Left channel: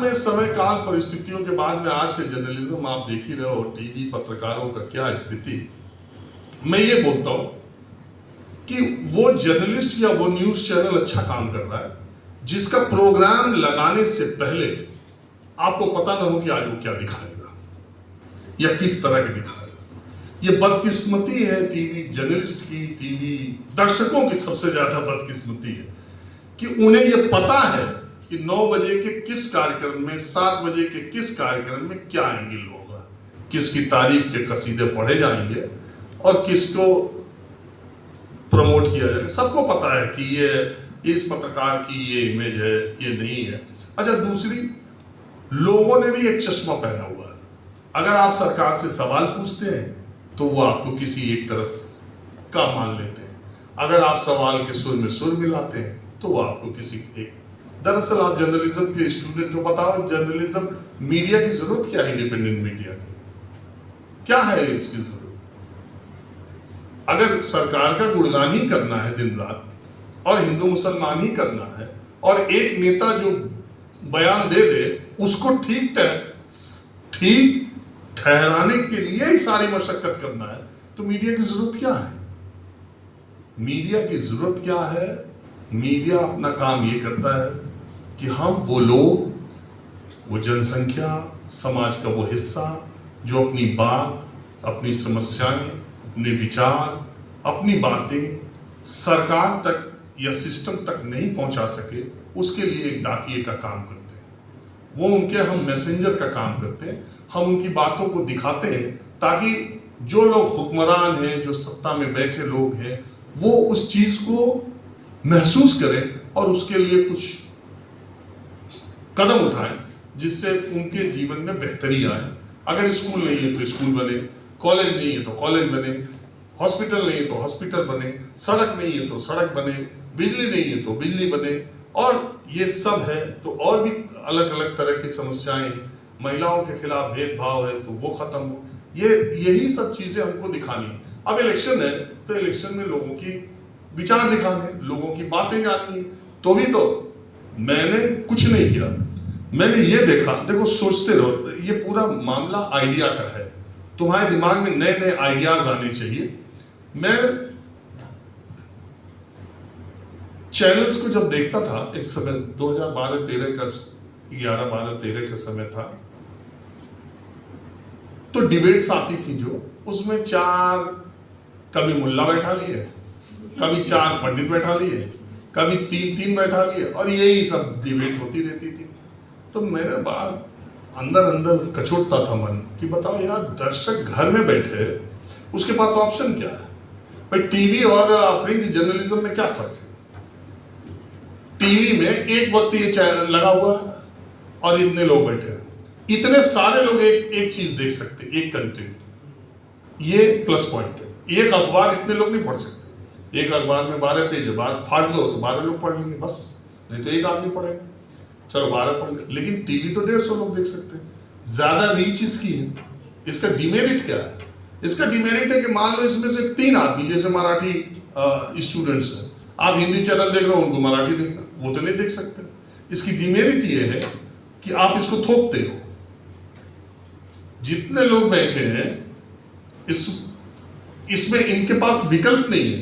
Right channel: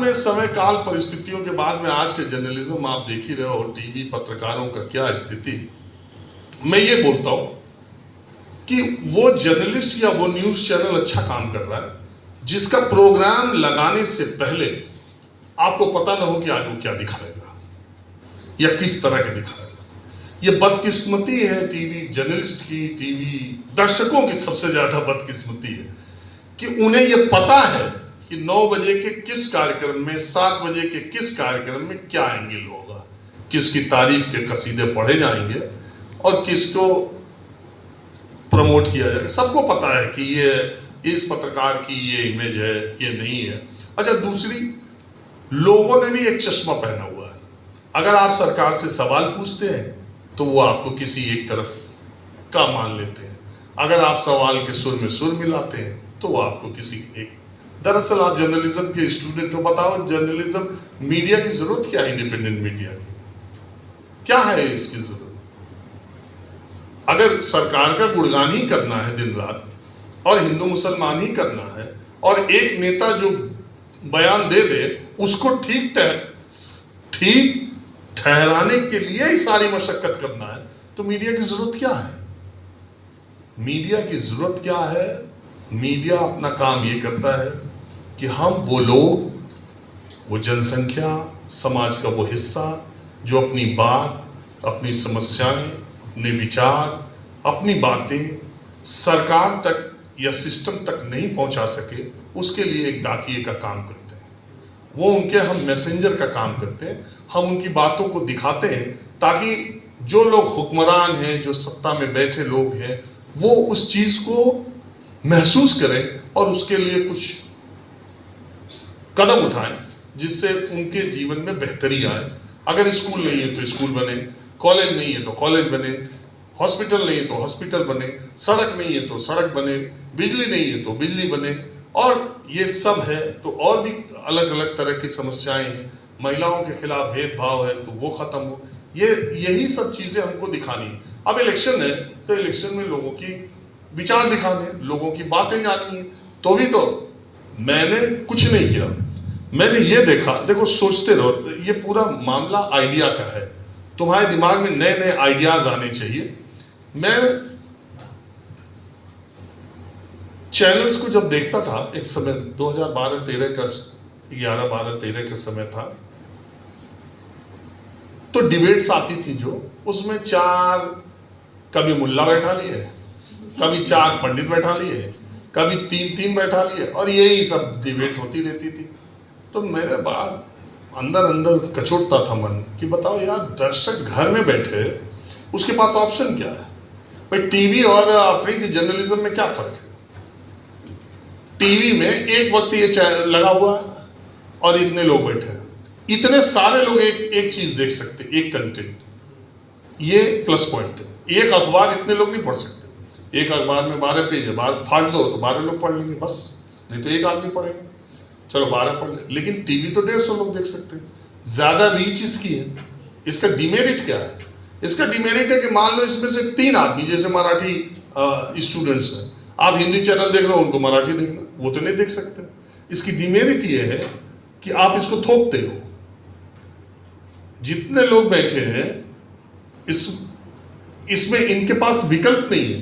बाद में समय काल परिस्थितियों के बाद में आज के जर्नलिज्म आप देख ही रहे हो, टीवी पत्रकारों का क्या स्थिति। मैं ये बोलता हूं कि वो जर्नलिस्ट या वो न्यूज चैनल अच्छा काम कर रहा है जिसका प्रोग्राम लगाने से पहले आपको पता ना हो कि आज वो क्या दिखाएगा या किस तरह के दिखाएगा। ये बदकिस्मती है टीवी जर्नलिस्ट की, टीवी दर्शकों की सबसे ज्यादा बदकिस्मती है कि उन्हें ये पता है कि 9 बजे के किस कार्यक्रम में, 7 बजे के किस कार्यक्रम में क्या एंगल होगा, किसकी तारीफ के कसीदे पढ़े जाएंगे और किसको प्रमोट किया जाएगा। सबको पता है कि ये इस पत्रकार की ये इमेज है, ये नहीं है। अच्छा, दूसरी, लोगों ने भी एक चश्मा पहना हुआ है। अगर आप सरकार से सवाल पूछते हैं तो वो आपको किसी एक तरफ का मान लेते हैं, अगर आप सवाल के सुर में सुर मिलाते हैं तो वो आपको किसी एक। दरअसल आप जर्नलिज्म के स्टूडेंट को बताओ, जर्नलिज्म मीडिया की जरूरत क्या है? इंडिपेंडेंट मीडिया की क्या है इसकी जरूरत? अगर सरकार का गुणगान ही करना है दिन रात और हिंदू मुसलमान ही करना है और एक नेता जो बयान दे दे उसको ठीक ठहराने के लिए ही सारी मशक्कत करना है, तो मीडिया की जरूरत क्या है? मीडिया की जरूरत क्या है? मीडिया अपना काम ये करता है कि हम वो लोग, वो जनसंख्या, समाज का वो हिस्सा जो अपनी बात, अपनी समस्याएं, अपने विचार, अपनी बातें सरकार तक या सिस्टम तक नहीं पहुंचा सके, उसके लिए एक डाकिए का काम करते हैं। वो उनके हम मैसेंजर का काम करते हैं। हम उनकी बातों को दिखाते हैं ताकि जो लोग हुक्मरान हैं, जो सत्ता में बैठे लोग हैं, वो उस चीज को महसूस करें और उसके लिए कुछ कदम उठाएं जिससे उनके जीवन में बेहतरी आए। अगर स्कूल नहीं है तो स्कूल बने, कॉलेज नहीं है तो कॉलेज बने, हॉस्पिटल नहीं है तो हॉस्पिटल बने, सड़क नहीं है तो सड़क बने, बिजली नहीं है तो बिजली बने। और ये सब है तो और भी अलग अलग तरह की समस्याएं हैं। महिलाओं के खिलाफ भेदभाव है तो वो खत्म हो। यही सब चीजें हमको दिखानी है। अब इलेक्शन है तो इलेक्शन में लोगों की विचार दिखाने, लोगों की बातें जाननी है। तो भी तो मैंने कुछ नहीं किया, मैंने ये देखा, देखो सोचते रहो, ये पूरा मामला आइडिया का है। तुम्हारे दिमाग में नए नए आइडियाज आने चाहिए। मैं चैनल्स को जब देखता था एक समय 2012-13 का 11-12-13 का समय था, तो डिबेट्स आती थी जो उसमें कभी मुल्ला बैठा लिए, कभी 4 पंडित बैठा लिए, कभी 3 बैठा लिए और यही सब डिबेट होती रहती थी। तो मेरे बाद अंदर अंदर कचोटता था मन कि बताओ यार, दर्शक घर में बैठे, उसके पास ऑप्शन क्या है? भाई टीवी और प्रिंट जर्नलिज्म में क्या फर्क है? टीवी में एक वक्त ये चैनल लगा हुआ है और इतने लोग बैठे हैं, इतने सारे लोग एक चीज देख सकते, एक कंटेंट, ये प्लस पॉइंट है। एक अखबार इतने लोग नहीं पढ़ सकते। एक अखबार में 12 पेज है, फाड़ दो तो 12 लोग पढ़ लेंगे बस, नहीं तो एक आदमी पढ़ेगा, चलो 12 पढ़ ले। लेकिन टीवी तो 150 लोग देख सकते हैं। ज्यादा रीच इसकी है। इसका डिमेरिट क्या है? इसका डिमेरिट है कि मान लो इसमें से 3 आदमी, जैसे मराठी स्टूडेंट्स हैं, आप हिंदी चैनल देख रहे हो, उनको मराठी देखना, वो तो नहीं देख सकते। इसकी डिमेरिट ये है कि आप इसको थोपते हो। जितने लोग बैठे हैं इसमें इनके पास विकल्प नहीं है।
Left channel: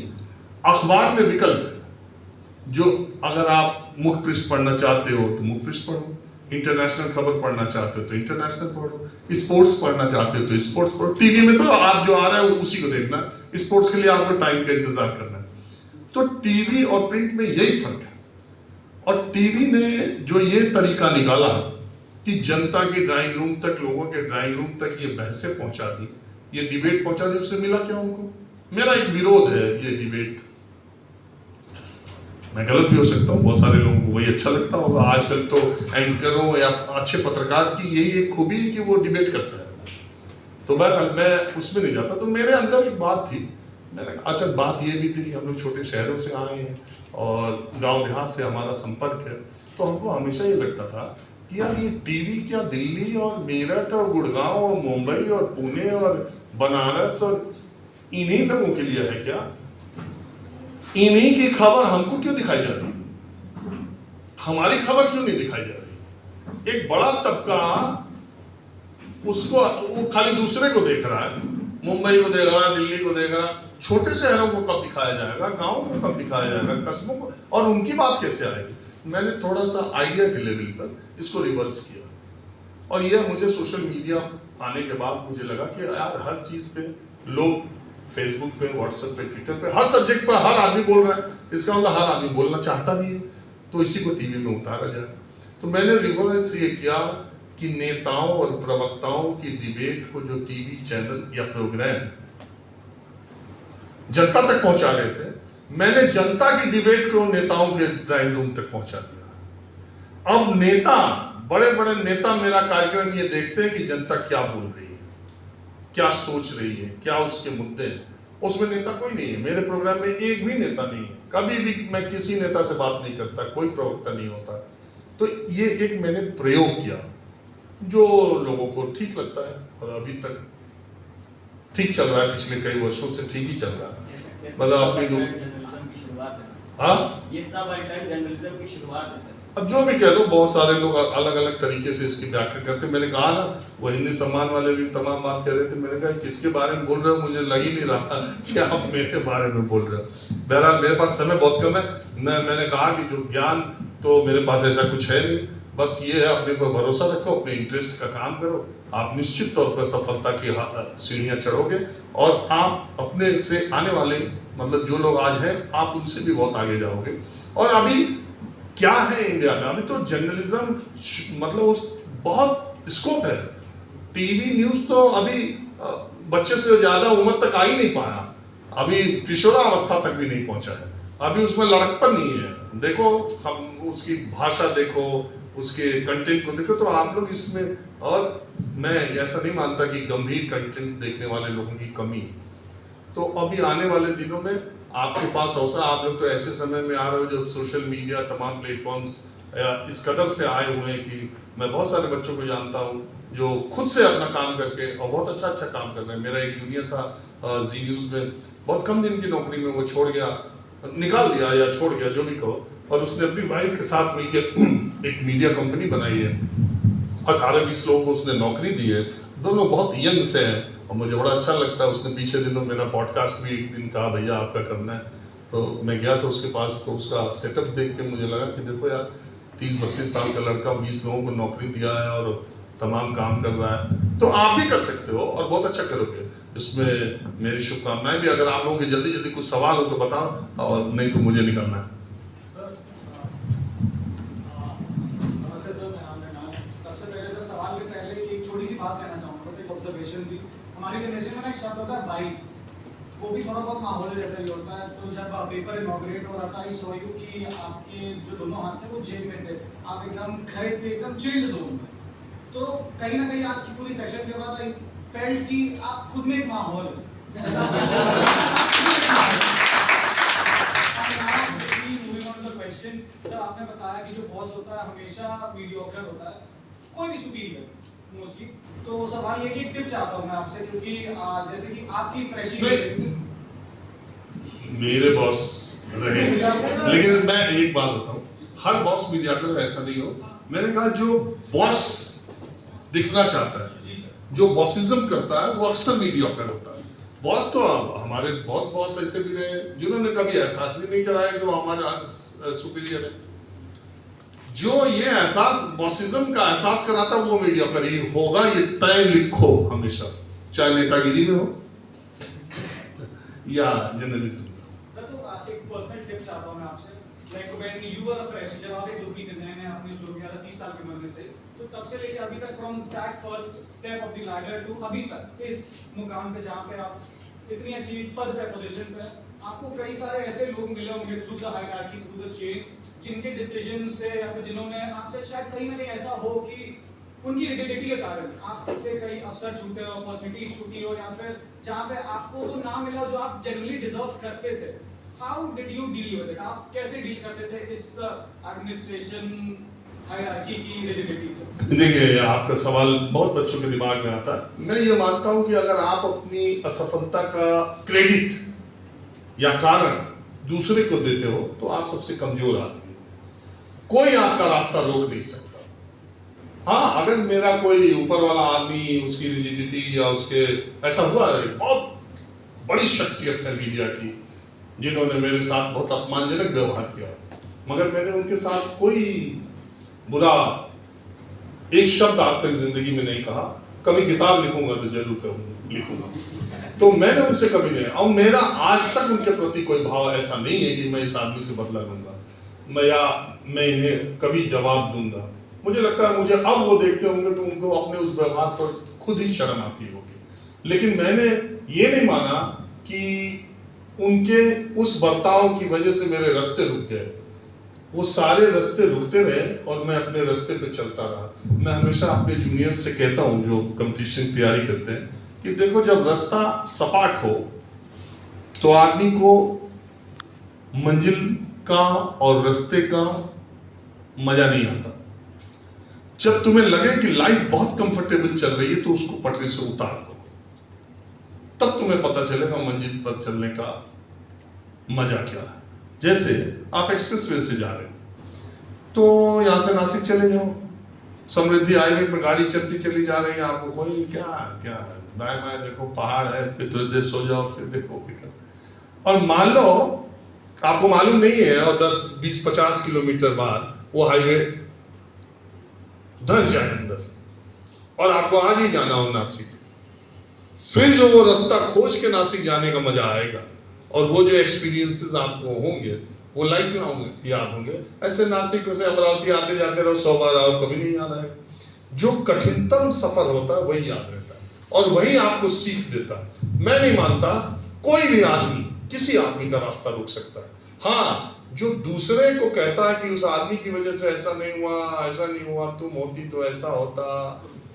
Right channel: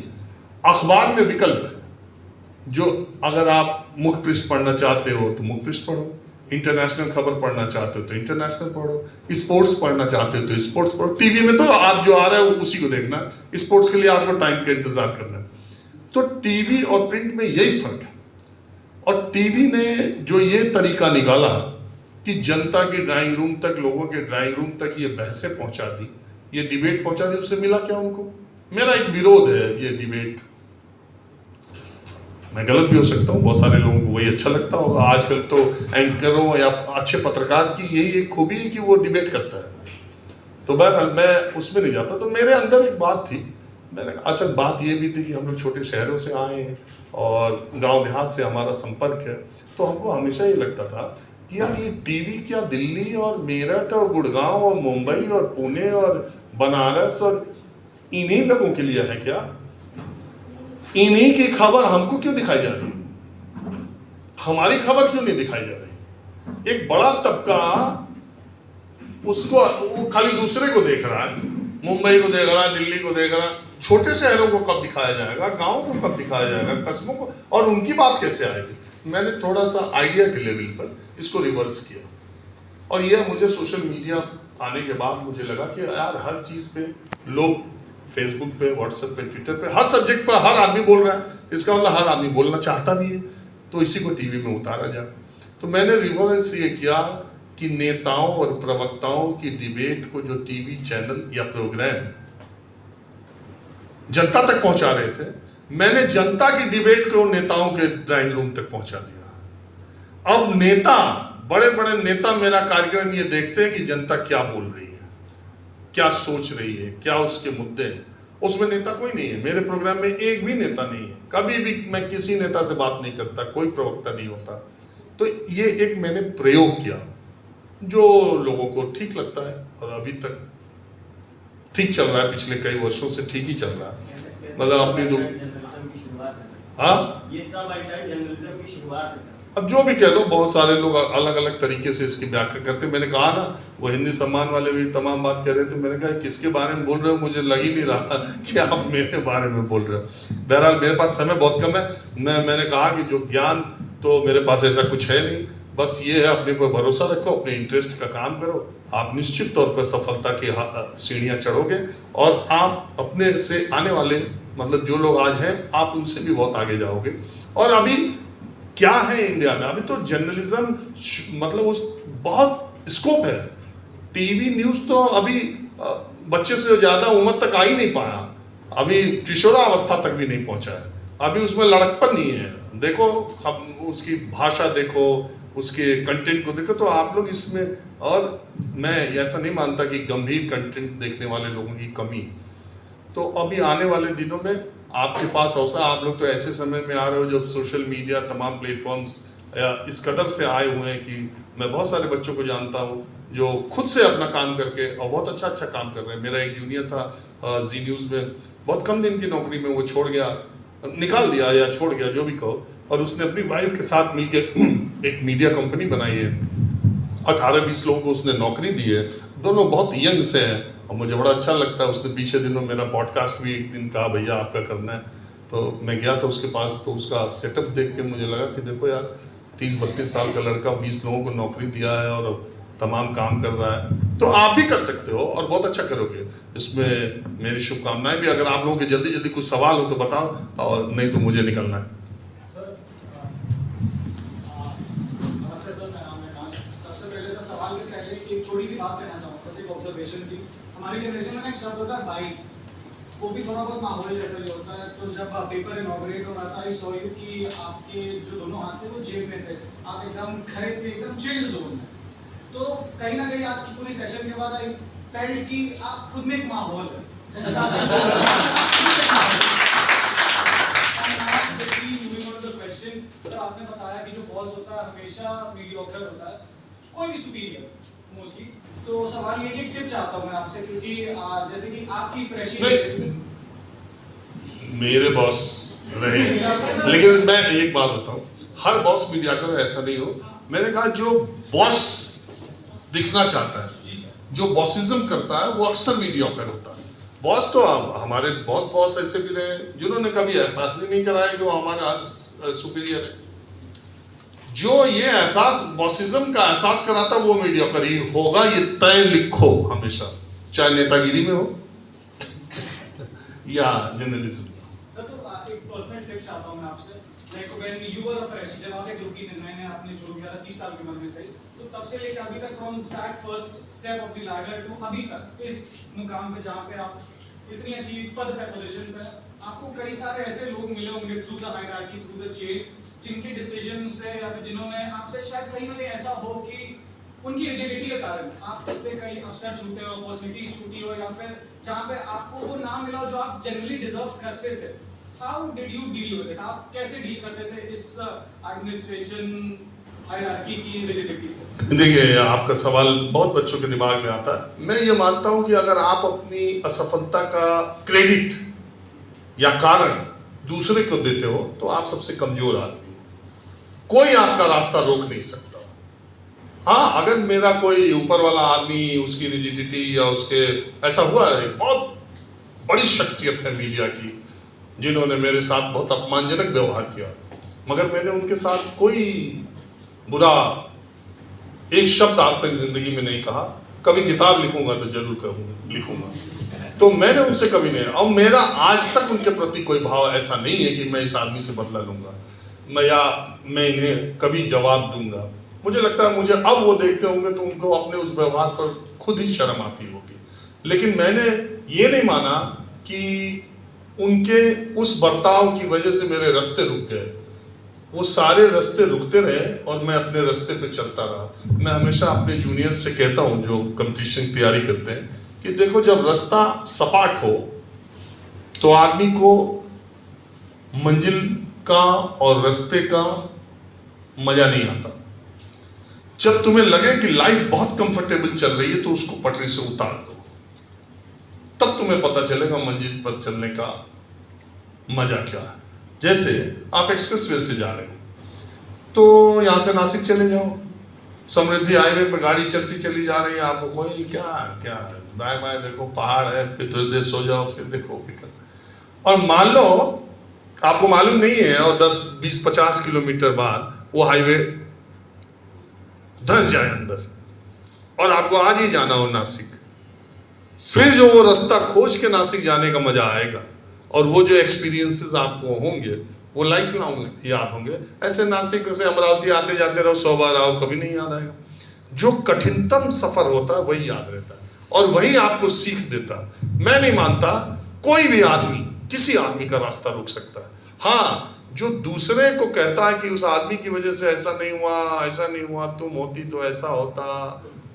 अखबार में विकल्प है, जो अगर आप मुख्य पृष्ठ पढ़ना चाहते हो तो मुख्य पृष्ठ पढ़ो, इंटरनेशनल खबर पढ़ना चाहते हो तो इंटरनेशनल पढ़ो, स्पोर्ट्स पढ़ना चाहते हो तो स्पोर्ट्स पढ़ो। टीवी में तो आप जो आ रहा है उसी को देखना, स्पोर्ट्स के लिए आपको टाइम का इंतजार करना है। तो टीवी और प्रिंट में यही फर्क है। और टीवी ने जो ये तरीका निकाला कि जनता की ड्राइंग रूम तक, लोगों के ड्राइंग रूम तक ये बहसें पहुंचा दी, ये डिबेट पहुंचा दी, उससे मिला क्या उनको? मेरा एक विरोध है ये डिबेट। मैं गलत भी हो सकता हूँ, बहुत सारे लोगों को वही अच्छा लगता होगा। आजकल तो एंकरों या अच्छे पत्रकार की यही एक खूबी है कि वो डिबेट करता है। तो बहरहाल मैं उसमें नहीं जाता। तो मेरे अंदर एक बात थी, मैंने अच्छा, बात ये भी थी कि हम लोग छोटे शहरों से आए हैं और गांव देहात से हमारा संपर्क है, तो हमको हमेशा ये लगता था कि यार ये टीवी क्या दिल्ली और मेरठ और गुड़गांव और मुंबई और पुणे और बनारस और इन्हीं लोगों के लिए है क्या? इन्हीं की खबर हमको क्यों दिखाई जा रही है? हमारी खबर क्यों नहीं दिखाई जा रही? एक बड़ा तबका उसको वो खाली दूसरे को देख रहा है, मुंबई को देख रहा है, दिल्ली को देख रहा है, छोटे शहरों को कब दिखाया जाएगा, गाँव को कब दिखाया जाएगा, कस्बों को, और उनकी बात कैसे आएगी। मैंने थोड़ा सा आइडिया के लेवल पर इसको रिवर्स किया, और यह मुझे सोशल मीडिया आने के बाद मुझे लगा कि यार हर चीज़ पे लोग फेसबुक पे, व्हाट्सएप पे, ट्विटर पे, हर सब्जेक्ट पर हर आदमी बोल रहा है, इसका मतलब हर आदमी बोलना चाहता भी है, तो इसी को टीवी में उतारा जाए। तो मैंने रिवर्स ये किया कि नेताओं और प्रवक्ताओं की डिबेट को जो टीवी चैनल या प्रोग्राम जनता तक पहुंचा रहे थे, मैंने जनता की डिबेट को नेताओं के ड्राइंग रूम तक पहुंचा दिया। अब नेता, बड़े बड़े नेता मेरा कार्यक्रम ये देखते हैं कि जनता क्या बोल रही है, क्या सोच रही है, क्या उसके मुद्दे हैं। उसमें नेता कोई नहीं है, मेरे प्रोग्राम में एक भी नेता नहीं है, कभी भी मैं किसी नेता से बात नहीं करता, कोई प्रवक्ता नहीं होता। तो ये एक मैंने प्रयोग किया जो लोगों को ठीक लगता है, और अभी तक ठीक चल रहा है, पिछले कई वर्षों से ठीक ही चल रहा है। मतलब अपनी हाँ, ये सब जर्नलिज्म की शुरुआत है। अब जो भी कह लो, बहुत सारे लोग अलग अलग तरीके से इसकी व्याख्या करते। मैंने कहा ना, वो हिंदी सम्मान वाले भी तमाम बात कह रहे थे, मैंने कहा किसके बारे में बोल रहे हो, मुझे लग ही नहीं रहा कि आप मेरे बारे में बोल रहे हो। बहरहाल मेरे पास समय बहुत कम है, मैंने कहा कि जो ज्ञान तो मेरे पास ऐसा कुछ है नहीं, बस ये है अपने पर भरोसा रखो, अपने इंटरेस्ट का काम करो, आप निश्चित तौर पर सफलता की सीढ़ियाँ चढ़ोगे, और आप अपने से आने वाले, मतलब जो लोग आज हैं, आप उनसे भी बहुत आगे जाओगे। और अभी क्या है इंडिया में, अभी तो जर्नलिज्म मतलब उस बहुत स्कोप है। टीवी न्यूज़ तो अभी बच्चे से ज़्यादा उम्र तक आ ही नहीं पाया, अभी किशोरावस्था तक भी नहीं पहुंचा है, अभी उसमें लड़कपन नहीं है। देखो, हम उसकी भाषा देखो, उसके कंटेंट को देखो, तो आप लोग इसमें, और मैं ऐसा नहीं मानता कि गंभीर कंटेंट देखने वाले लोगों की कमी। तो अभी आने वाले दिनों में आपके पास अवसर, आप लोग तो ऐसे समय में आ रहे हो जब सोशल मीडिया, तमाम प्लेटफॉर्म्स इस कदर से आए हुए हैं कि मैं बहुत सारे बच्चों को जानता हूँ जो खुद से अपना काम करके और बहुत अच्छा काम कर रहे हैं। मेरा एक जूनियर था जी न्यूज़ में, बहुत कम दिन की नौकरी में वो छोड़ गया, निकाल दिया या छोड़ गया, जो भी कहो, और उसने अपनी वाइफ के साथ मिलकर एक मीडिया कंपनी बनाई है, 18-20 लोगों को उसने नौकरी दी है, दोनों बहुत यंग से हैं, और मुझे बड़ा अच्छा लगता है। उसने पीछे दिनों मेरा पॉडकास्ट भी एक दिन कहा, भैया आपका करना है, तो मैं गया था उसके पास, तो उसका सेटअप देख के मुझे लगा कि देखो यार, 30-32 साल का लड़का 20 लोगों को नौकरी दिया है और तमाम काम कर रहा है, तो आप भी कर सकते हो और बहुत अच्छा करोगे। इसमें मेरी शुभकामनाएं भी। अगर आप लोगों के जल्दी जल्दी कुछ सवाल हो तो बताओ, और नहीं तो मुझे निकलना है। नमस्ते सर, मेरा नाम है। सबसे पहले सर, सवाल के पहले एक छोटी सी बात कहना चाहूँगा, बस एक ऑब्जर्वेशन थी। हमारी जनरेशन में ना एक शब्द होता है बाई, वो भी थोड़ा बहुत माहौल जैसा ही होता है। तो जब पेपर इनॉग्रेट हो रहा था, आई सॉ यू कि आपके जो दोनों हाथ थे वो जेब में थे, आप एकदम खड़े थे, एकदम चिल जोन में। तो कहीं ना कहीं आज की पूरी सेशन के बाद आई फेल्ट कि आप खुद में एक माहौल है। सर, आपने बताया कि जो बॉस होता है हमेशा मीडियोकर होता है, कोई भी सुपीरियर मोस्टली। तो सवाल ये कि एक टिप चाहता हूँ मैं आपसे, क्योंकि जैसे कि आपकी फ्रेशी मेरे बॉस रहे, लेकिन मैं एक बात बताऊं, हर बॉस मीडियाकर ऐसा नहीं हो। मैंने कहा जो बॉस दिखना चाहता है, जो बॉसिज्म करता है, वो अक्सर मीडियाकर होता है। बॉस तो हमारे बहुत बॉस ऐसे भी रहे जिन्होंने कभी एहसास ही नहीं कराया जो हमारा सुपीरियर है। जो ये एहसास, बॉसिज्म का एहसास कराता वो मीडियाकर ही होगा, ये तय लिखो हमेशा, चाहे नेतागिरी में हो या जर्नलिज्म में। सर, तो एक पर्सनल टिप चाहता हूं मैं आपसे, like when you were a fresh, जब आप एक रुकी नए आपने शुरू किया था 30 साल की उम्र में से, तो तब से लेकर अभी तक, from that first step of the ladder to अभी तक इस मुकाम पे जहां पे आप इतनी अच्छी पद पे, पोजीशन पे, आपको कई सारे ऐसे लोग मिले होंगे through the hierarchy, through the chain, जिनके डिसीजन से या फिर जिन्होंने आपसे शायद कहीं ना कहीं ऐसा हो कि उनकी रिजिडिटी के कारण आपसे कई अवसर छूटे हो, अपॉर्चुनिटीज छूटी हो, या फिर जहाँ पे आपको वो ना मिला हो जो आप जनरली डिजर्व करते थे। How did you deal with it? आप कैसे डील करते थे इस एडमिनिस्ट्रेशन हायरार्की की रिजिडिटी से? देखिए, आपका सवाल बहुत बच्चों के दिमाग में आता है। मैं ये मानता हूँ कि अगर आप अपनी असफलता का क्रेडिट या कारण दूसरे को देते हो तो आप सबसे कमजोर आदमी हो। कोई आपका रास्ता रोक नहीं सकता। हाँ, अगर मेरा कोई ऊपर वाला आदमी, उसकी रिजिडिटी या उसके ऐसा हुआ है, बहुत बड़ी शख्सियत है मीडिया की जिन्होंने मेरे साथ बहुत अपमानजनक व्यवहार किया, मगर मैंने उनके साथ कोई बुरा एक शब्द आज तक जिंदगी में नहीं कहा। कभी किताब लिखूंगा तो जरूर लिखूंगा, तो मैंने उनसे कभी नहीं, और मेरा आज तक उनके प्रति कोई भाव ऐसा नहीं है कि मैं इस आदमी से बदला लूंगा मैं इन्हें कभी जवाब दूंगा। मुझे लगता है मुझे अब वो देखते होंगे तो उनको अपने उस व्यवहार पर खुद ही शर्म आती होगी, लेकिन मैंने ये नहीं माना कि उनके उस बर्ताव की वजह से मेरे रास्ते रुक गए। वो सारे रास्ते रुकते रहे और मैं अपने रास्ते पे चलता रहा। मैं हमेशा अपने जूनियर्स से कहता हूँ जो कंपटीशन की तैयारी करते हैं कि देखो, जब रास्ता सपाट हो तो आदमी को मंजिल का और रास्ते का मजा नहीं आता। जब तुम्हें लगे कि लाइफ बहुत कंफर्टेबल चल रही है तो उसको पटरी से उतार दो, तब तुम्हें पता चलेगा मंजिल पर चलने का मजा क्या है। जैसे आप एक्सप्रेसवे से जा रहे हैं तो यहां से नासिक चले जाओ, समृद्धि हाईवे पे गाड़ी चलती चली जा रही है, आपको कोई क्या है, बाय बाय देखो पहाड़ है, फिर थोड़ी देर सो जाओ, फिर देखो और मान लो आपको मालूम नहीं है और 10, 20, 50 किलोमीटर बाद वो हाईवे धंस जाए अंदर और आपको आज ही जाना हो नासिक, फिर जो वो रास्ता खोज के नासिक जाने का मजा आएगा और वो जो एक्सपीरियंसेस आपको होंगे वो लाइफ लॉन्ग याद होंगे। ऐसे नासिक से अमरावती आते जाते रहो, 100 बार आओ, कभी नहीं याद आएगा। जो कठिनतम सफर होता है वही याद रहता है और वही आपको सीख देता है। मैं नहीं मानता कोई भी आदमी किसी आदमी का रास्ता रोक सकता है। हाँ, जो दूसरे को कहता है कि उस आदमी की वजह से ऐसा नहीं हुआ, तुम होती तो ऐसा होता,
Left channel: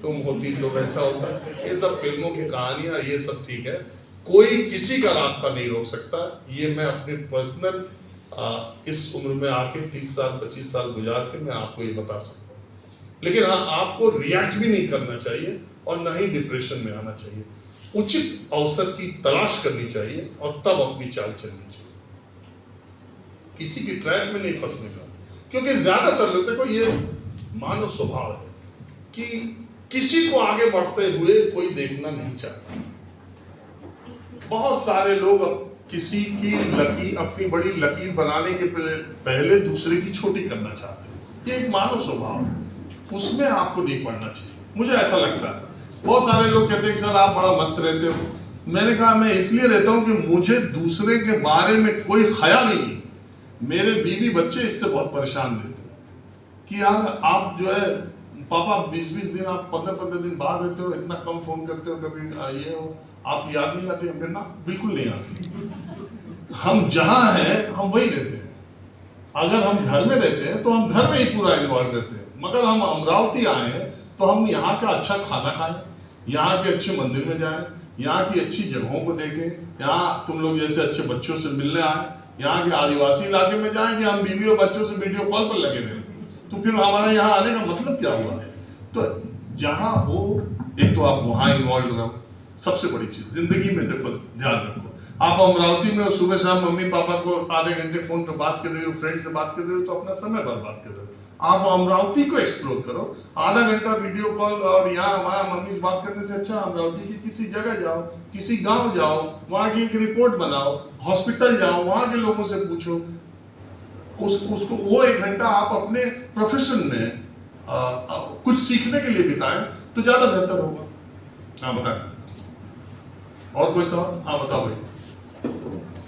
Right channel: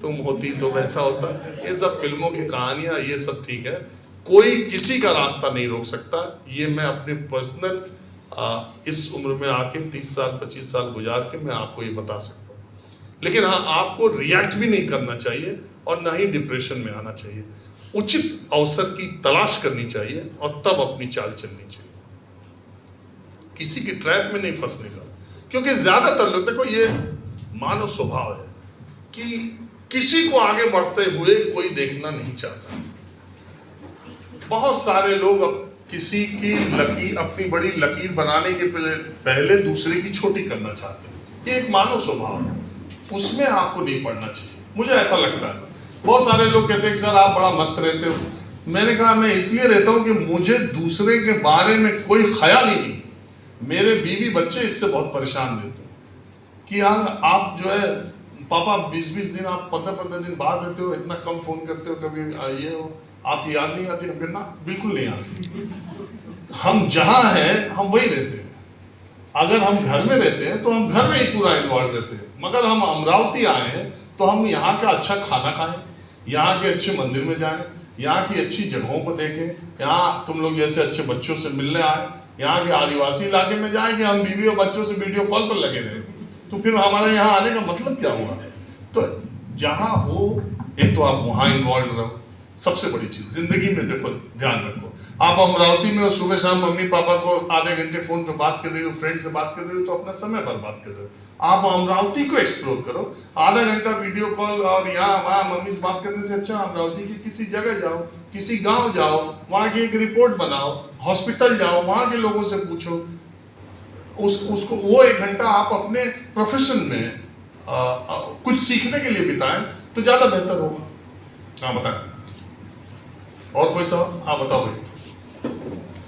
तुम होती तो वैसा होता, ये सब फिल्मों की कहानियां, ये सब ठीक है। कोई किसी का रास्ता नहीं रोक सकता। ये मैं अपने पर्सनल इस उम्र में आके 30 साल 25 साल गुजार के मैं आपको ये बता सकता हूँ। लेकिन हाँ, आपको रिएक्ट भी नहीं करना चाहिए और ना ही डिप्रेशन में आना चाहिए। उचित अवसर की तलाश करनी चाहिए और तब अपनी चाल चलनी चाहिए, किसी की ट्रैप में नहीं फंसने का। क्योंकि ज्यादातर लोग, देखो ये मानव स्वभाव है कि किसी को आगे बढ़ते हुए कोई देखना नहीं चाहता। बहुत सारे लोग किसी की लकीर, अपनी बड़ी लकीर बनाने के पहले दूसरे की छोटी करना चाहते हैं। ये एक मानव स्वभाव है, उसमें आपको नहीं पड़ना चाहिए, मुझे ऐसा लगता है। बहुत सारे लोग कहते हैं कि सर आप बड़ा मस्त रहते हो। मैंने कहा मैं इसलिए रहता हूं कि मुझे दूसरे के बारे में कोई ख्याल ही नहीं। मेरे बीवी बच्चे इससे बहुत परेशान रहते हैं कि यार आप जो है पापा 20-20 दिन, आप 15-15 दिन बाहर रहते हो, इतना कम फोन करते हो, कभी ये हो, आपकी याद नहीं आती? हमने ना, बिल्कुल नहीं आती। हम जहां हैं हम वही रहते हैं। अगर हम घर में रहते हैं तो हम घर में ही पूरा इन्वॉल्व रहते हैं, मगर हम अमरावती आए हैं तो हम यहाँ का अच्छा खाना खाएं, यहाँ के अच्छे मंदिर में जाएं, यहाँ की अच्छी जगहों को देखें, यहाँ तुम लोग जैसे अच्छे बच्चों से मिलने आए, यहाँ के आदिवासी इलाके में जाएं कि हम बीवी और बच्चों से वीडियो कॉल पर लगे रहे, तो फिर हमारा यहाँ आने का मतलब क्या हुआ? तो जहाँ हो, एक तो आप वहाँ इन्वॉल्व रहो। सबसे बड़ी चीज जिंदगी में देखो, ध्यान रखो, आप अमरावती में सुबह शाम मम्मी पापा को आधे घंटे फोन पे बात कर रहे हो, फ्रेंड से बात कर रहे हो, तो अपना समय बर्बाद कर रहे हो। आप अमरावती को एक्सप्लोर करो, आधा घंटा वीडियो कॉल और यहाँ वहाँ मम्मी से बात करने से अच्छा अमरावती की किसी जगह जाओ, किसी गांव जाओ, वहाँ की एक रिपोर्ट बनाओ, हॉस्पिटल जाओ, वहाँ के लोगों से पूछो, उसको वो 1 घंटा आप अपने प्रोफेशन में कुछ सीखने के लिए बिताएं तो ज्यादा बेहतर होगा। हाँ बताएं, और कोई सवाल? हाँ बताओ भाई।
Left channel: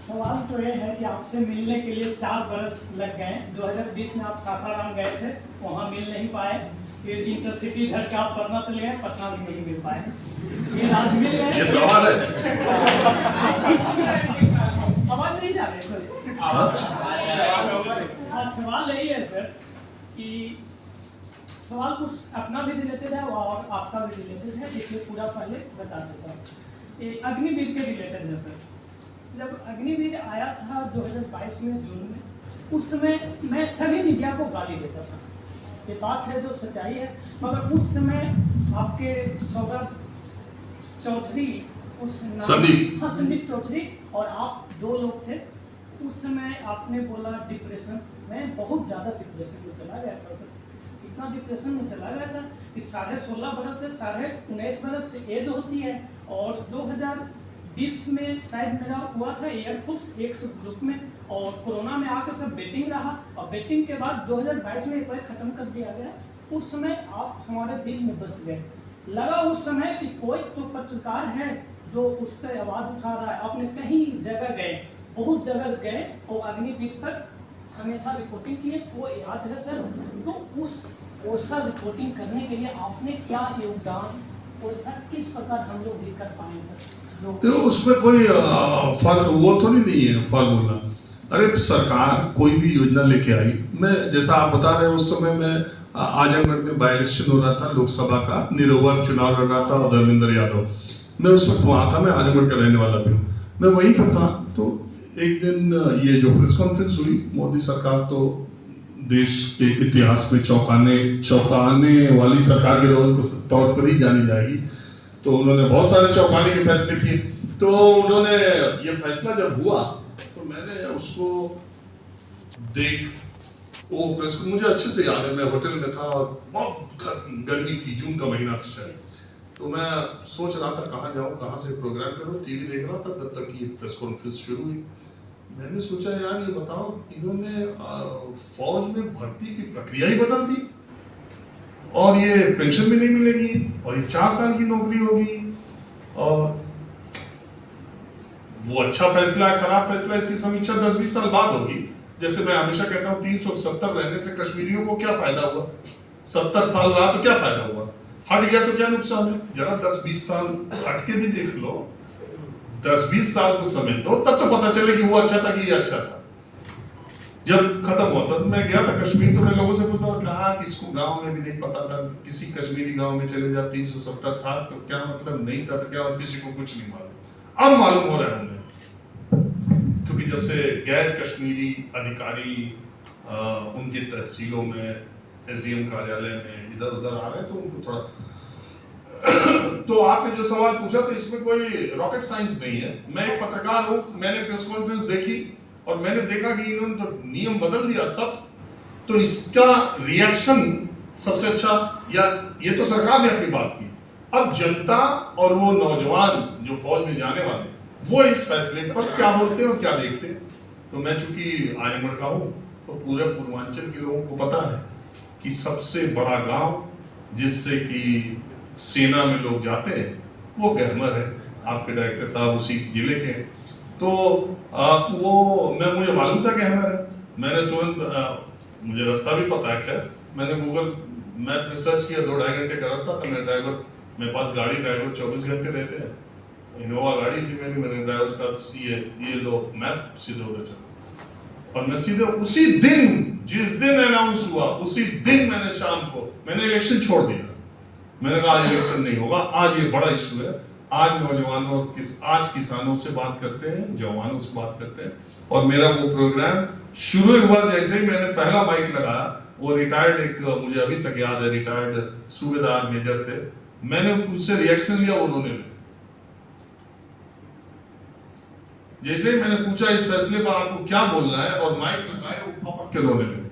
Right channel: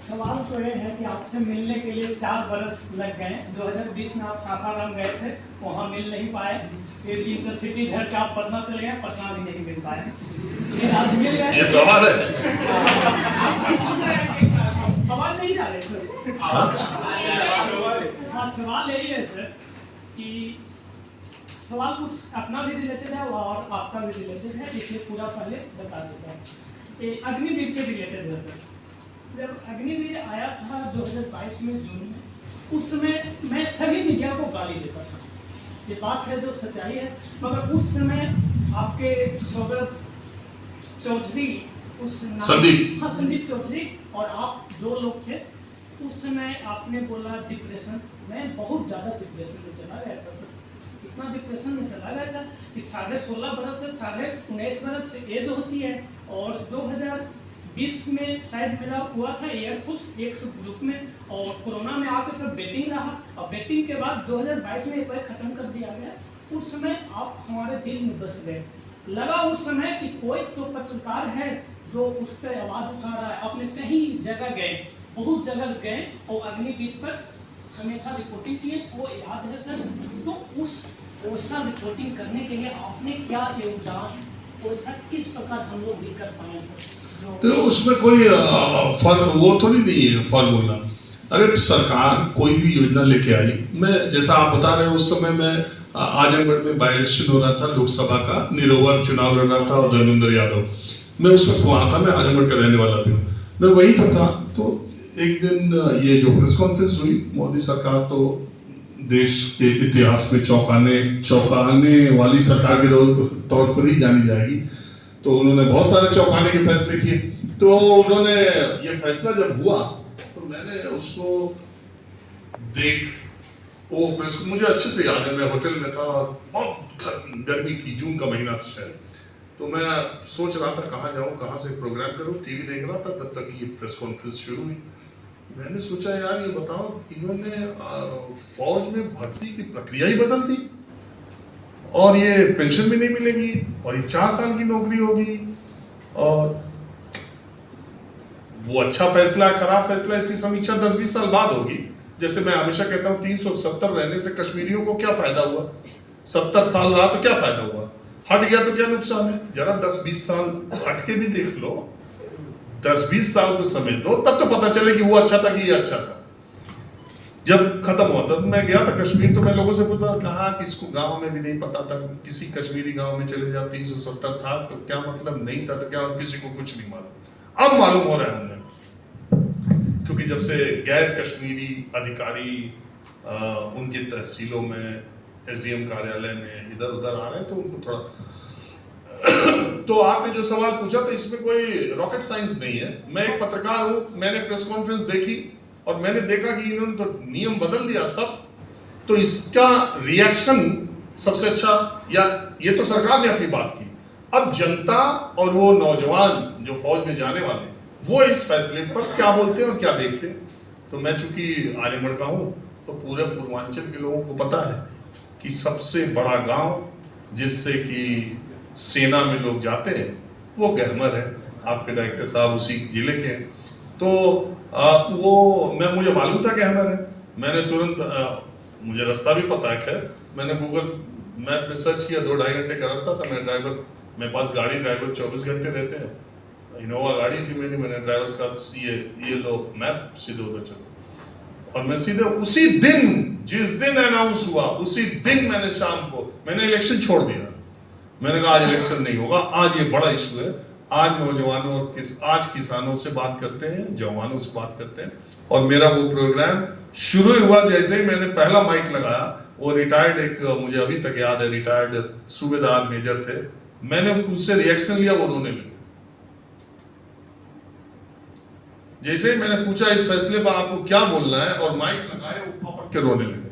सवाल तो ये है कि आपसे मिलने के लिए 4 बरस लग गए। 2020 में आप सासाराम गए थे, वहाँ मिल नहीं पाए, फिर इंटरसिटी इधर का आप पटना चले गए, पटना भी नहीं मिल पाए, फिर आज मिल गए। ये सवाल है? सवाल नहीं जा रहे सर। सवाल यही है सर कि सवाल कुछ अपना भी रिलेटेड है और आपका भी रिलेटेड है, इसलिए पूरा पहले बता देता है। अग्निवीर के रिलेटेड है सर। जब अग्निवीर आया था 2022 में जून में, उस समय मैं सभी मीडिया को गाली देता था, ये बात है जो सच्चाई है। मगर उस समय आपके सौगत चौधरी, उस संदीप चौधरी और आप 2 लोग थे। उस समय आपने बोला डिप्रेशन, मैं बहुत ज़्यादा डिप्रेशन में चला गया था सर। इतना डिप्रेशन में चला गया था कि 16.5 बरस से 19.5 बरस से एज होती है। और 2020 में शायद मेरा हुआ था एयरफोर्स एक ग्रुप में, और कोरोना में आकर सब बेटिंग रहा, और बेटिंग के बाद 2022 में एक बार ख़त्म कर दिया गया। उस समय आप हमारे दिल में बस गए। लगा उस समय कि कोई तो पत्रकार है जो उस पर आवाज़ उठा रहा है। आपने कहीं जगह गए, बहुत जगह गए, और अग्निवीर पर हमेशा रिपोर्टिंग की है, वो याद है सर। तो उस वैसा रिपोर्टिंग करने के लिए आपने क्या योगदान, वैसा किस प्रकार हम लोग भी कर पाए सर? तो उसमें कोई वो थोड़ी नहीं है फॉर्मूला। अरे सरकार कोई भी योजना लेके आई, मैं जैसा आप बता रहे हो उस समय मैं आजमगढ़ में बाई इलेक्शन हो रहा था लोकसभा का, निरोवर चुनाव हो रहा था और धर्मेंद्र यादव, मैं उस वक्त वहाँ था, मैं आजमगढ़ का रहने वाला भी हूँ, मैं वहीं पर था। तो एक दिन ये जो प्रेस कॉन्फ्रेंस हुई, मोदी सरकार तो देश के इतिहास में चौंकाने वाली सरकार के तौर पर ही जानी जाएगी। तो उन्होंने बहुत सारे चौंकाने के फैसले किए। तो उन्होंने ये फैसला जब हुआ तो मैंने उसको वो प्रेस को मुझे अच्छे से याद है, मैं होटल में था और बहुत गर्मी थी, जून का महीना था शायद। तो मैं सोच रहा था कहाँ जाऊँ, कहाँ से प्रोग्राम करूँ, टीवी देख रहा था, तब तक ये प्रेस कॉन्फ्रेंस शुरू हुई। मैंने सोचा यार ये बताओ, इन्होंने फौज में भर्ती की प्रक्रिया ही बदल दी, और ये पेंशन भी नहीं मिलेगी, और ये 4 साल की नौकरी होगी, और वो अच्छा फैसला है खराब फैसला, इसकी समीक्षा 10-20 साल बाद होगी। जैसे मैं हमेशा कहता हूँ 370 रहने से कश्मीरियों को क्या फायदा हुआ, 70 साल रहा तो क्या फायदा हुआ, हट गया तो क्या नुकसान है। जरा 10-20 साल हट के भी देख लो, 10-20 साल तो समय दो, तब तो पता चले कि वो अच्छा था कि ये अच्छा था। जब खत्म हुआ तब मैं गया था कश्मीर, तो मैं लोगों से पूछा कहा किसको गांव में भी नहीं पता था, किसी कश्मीरी गांव में चले जाओ 370 था तो क्या मतलब, नहीं था तो क्या, और किसी को कुछ नहीं मालूम। अब मालूम हो रहा है उन्हें, क्योंकि जब से गैर कश्मीरी अधिकारी उनकी तहसीलों में, एसडीएम कार्यालय में इधर उधर आ रहे हैं, तो उनको थोड़ा तो आपने जो सवाल पूछा, तो इसमें कोई रॉकेट साइंस नहीं है। मैं एक पत्रकार हूँ, मैंने प्रेस कॉन्फ्रेंस देखी और मैंने देखा कि इन्होंने तो नियम बदल दिया सब, तो इसका रिएक्शन सबसे अच्छा, या ये तो सरकार ने अपनी बात की, अब जनता और वो नौजवान जो फौज में जाने वाले, वो इस फैसले पर क्या बोलते हैं और क्या देखते हैं। तो मैं चूंकि आजमगढ़ का हूँ, तो पूरे पूर्वांचल के लोगों को पता है कि सबसे बड़ा गांव जिससे कि सेना में लोग जाते हैं वो गहमर है। आपके डायरेक्टर साहब उसी जिले के, तो मुझे मालूम था गहमर है। मैंने तुरंत मुझे रास्ता भी पता है, खैर मैंने गूगल मैप में सर्च किया, 2-2.5 घंटे का रास्ता था। मेरे पास गाड़ी, ड्राइवर 24 घंटे रहते हैं, इनोवा गाड़ी थी मेरी, मैंने ड्राइवर का ये लो मैप, सीधे उधर चलो। और मैं सीधे उसी दिन, जिस दिन अनाउंस हुआ उसी दिन मैंने शाम को इलेक्शन छोड़ दिया। मैंने कहा आज इलेक्शन नहीं होगा, आज ये बड़ा इशू है, आज नौजवानों आज किसानों से बात करते हैं, जवानों से बात करते हैं। और मेरा वो प्रोग्राम शुरू हुआ, जैसे ही मैंने पहला माइक लगाया, वो रिटायर्ड एक, मुझे अभी तक याद है, रिटायर्ड सूबेदार मेजर थे, मैंने उनसे रिएक्शन लिया, वो रोने लगे। जैसे ही मैंने पूछा इस फैसले पर आपको क्या बोलना है, और माइक लगाए, वो पपक के रोने लगे,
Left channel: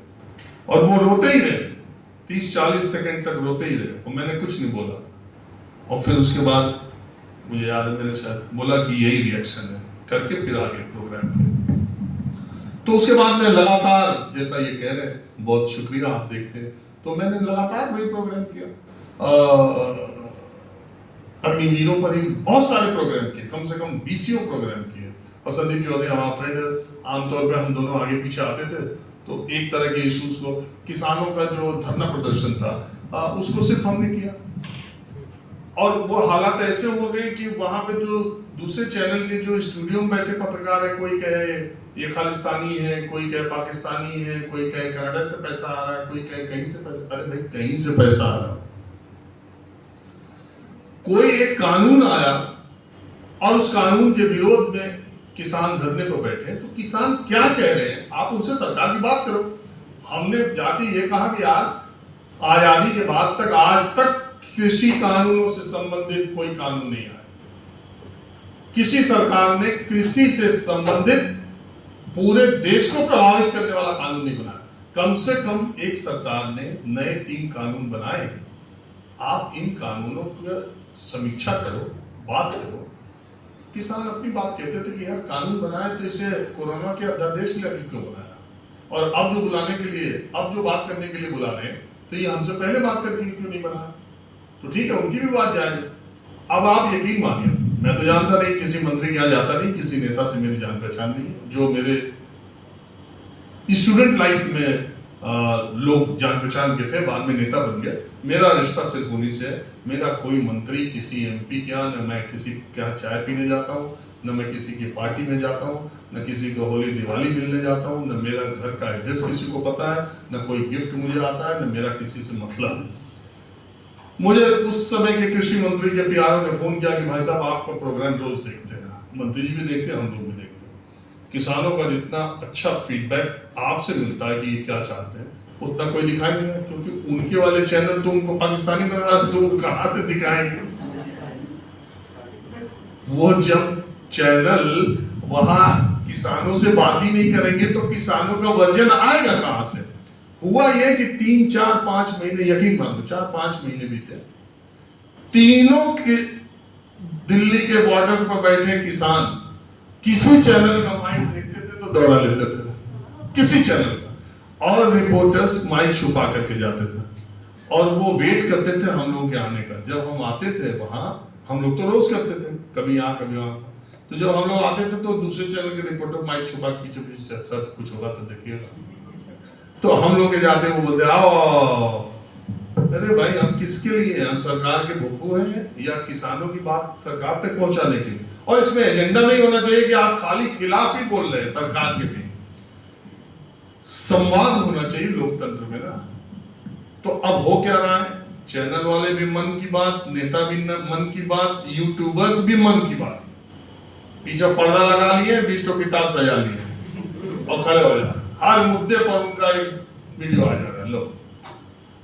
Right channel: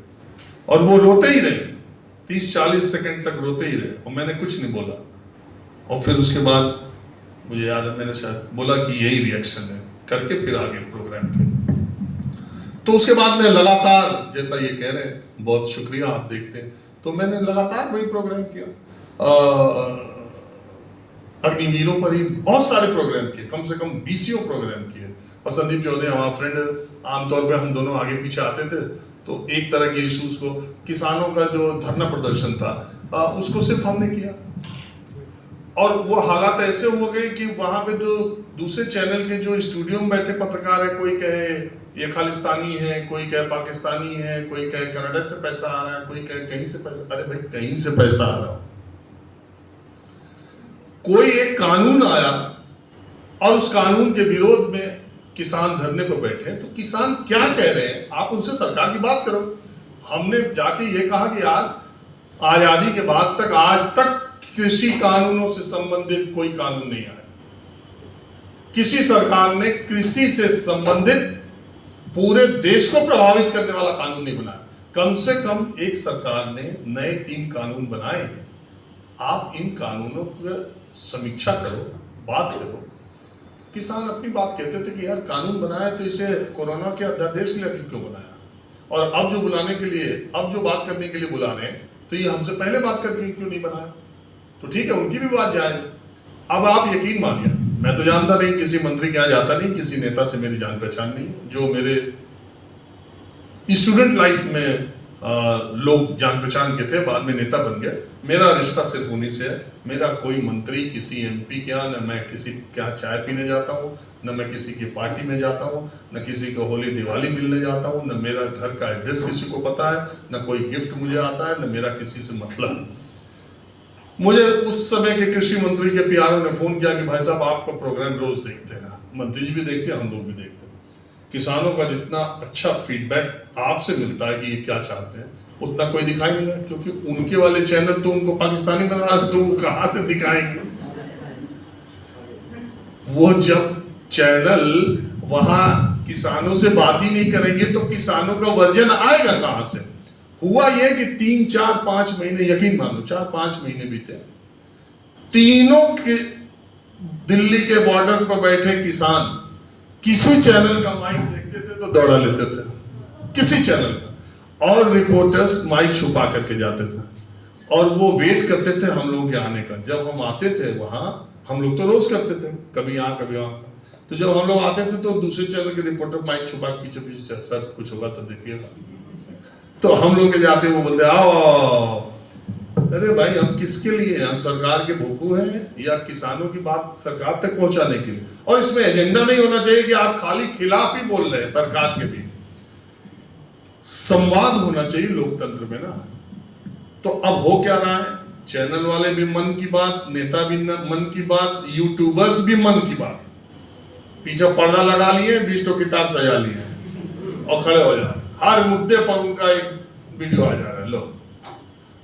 और वो रोते ही रहे 30-40 सेकंड तक रोते ही रहे, और मैंने कुछ नहीं बोला। और फिर उसके बाद मुझे याद है मैंने शायद बोला कि यही रिएक्शन है करके फिर आगे प्रोग्राम किया। तो उसके बाद मैं लगातार, जैसा ये कह रहे हैं, बहुत शुक्रिया आप देखते हैं, तो मैंने लगातार वही प्रोग्राम किया। अग्निवीरों पर ही बहुत सारे प्रोग्राम किए, कम से कम 20 प्रोग्राम किए। और संदीप चौधरी हमारा फ्रेंड, आमतौर पे हम दोनों आगे पीछे आते थे, तो एक तरह के इश्यूज को, किसानों का जो धरना प्रदर्शन था, उसको सिर्फ हमने किया। और वो हालात ऐसे हो गए कि वहां पे जो दूसरे चैनल के जो स्टूडियो में बैठे पत्रकार है, कोई कहे ये खालिस्तानी है, कोई कहे पाकिस्तानी है, कोई कहे कनाडा से पैसा आ रहा है, कोई कहे कहीं से पैसा। अरे भाई कहीं से पैसा आ रहा है, कोई एक कानून आया और उस कानून के विरोध में किसान धरने पर बैठे, तो किसान क्या कह रहे हैं, आप उनसे सरकार की बात करो। हमने जाके ये कहा कि यार आजादी के बाद तक आज तक कृषि कानूनों से संबंधित कोई कानून नहीं आया, किसी सरकार ने कृषि से संबंधित पूरे देश को प्रभावित करने वाला कानून नहीं बनाया। कम से कम एक सरकार ने नए 3 कानून बनाए। आप इन कानूनों पर समीक्षा करो, बात करो। किसान अपनी बात कहते थे कि यार कानून बनाए तो इसे कोरोना के अध्यादेश के लिए क्यों बनाया, और अब जो बुलाने के लिए, अब जो बात करने के लिए बुला रहे हैं तो ये हमसे पहले बात करके क्यों नहीं बनाया। तो ठीक है, उनकी भी बात जायज है। अब आप यकीन मानिए, मैं तो जानता नहीं, किसी मंत्री के यहाँ जाता नहीं, किसी नेता से मेरी जान पहचान नहीं। जो मेरे स्टूडेंट लाइफ में लोग जान पहचान के थे, बाद में नेता बन गए, मेरा रिश्ता सिर्फ उन्हीं से है। मेरा कोई मंत्री किसी एमपी के यहाँ, न मैं किसी के यहाँ चाय पीने जाता हूँ, न मैं किसी की पार्टी में जाता हूँ, न किसी को होली दिवाली मिलने जाता हूँ, न मेरा घर का एड्रेस किसी को पता है, न कोई गिफ्ट मुझे आता है, न मेरा किसी से मतलब। मुझे उस समय के कृषि मंत्री के पीआरओ ने फोन किया कि भाई साहब आपका प्रोग्राम रोज देखते हैं, मंत्री जी भी देखते हैं, हम लोग भी देखते हैं। किसानों का जितना अच्छा फीडबैक आपसे मिलता है कि ये क्या चाहते हैं, उतना कोई दिखाई नहीं है, क्योंकि उनके वाले चैनल तो उनको पाकिस्तानी बना, तो कहां से दिखाएंगे। वो जब चैनल वहां किसानों से बात ही नहीं करेंगे तो किसानों का वर्जन आएगा कहां से। हुआ ये कि 3, 4, 5 महीने, यकीन मान लो 4-5 महीने बीते, तीनों के दिल्ली के बॉर्डर पर बैठे किसान किसी चैनल का माइक देखते थे तो दौड़ा लेते थे, किसी चैनल का, और रिपोर्टर्स माइक छुपा करके जाते थे और वो वेट करते थे हम लोग के आने का। जब हम आते थे वहां, हम लोग तो रोज करते थे, कभी यहाँ कभी वहां, तो जब हम लोग आते थे तो दूसरे चैनल के रिपोर्टर माइक छुपा के पीछे पीछे, सर कुछ होगा तो देखिएगा। तो हम लोग के जाते वो बोलते आओ। अरे भाई, हम किसके लिए हैं? हम सरकार के भोपू हैं या किसानों की बात सरकार तक पहुंचाने के लिए? और इसमें एजेंडा नहीं होना चाहिए कि आप खाली खिलाफ ही बोल रहे हैं सरकार के भी। संवाद होना चाहिए लोकतंत्र में ना। तो अब हो क्या रहा है, चैनल वाले भी मन की बात, नेता भी मन की बात, यूट्यूबर्स भी मन की बात, पीछे पर्दा लगा लिए, 20 किताब सजा लिए और खड़े हो जा रहे, हर मुद्दे पर उनका एक वीडियो आ जा रहा है। लो,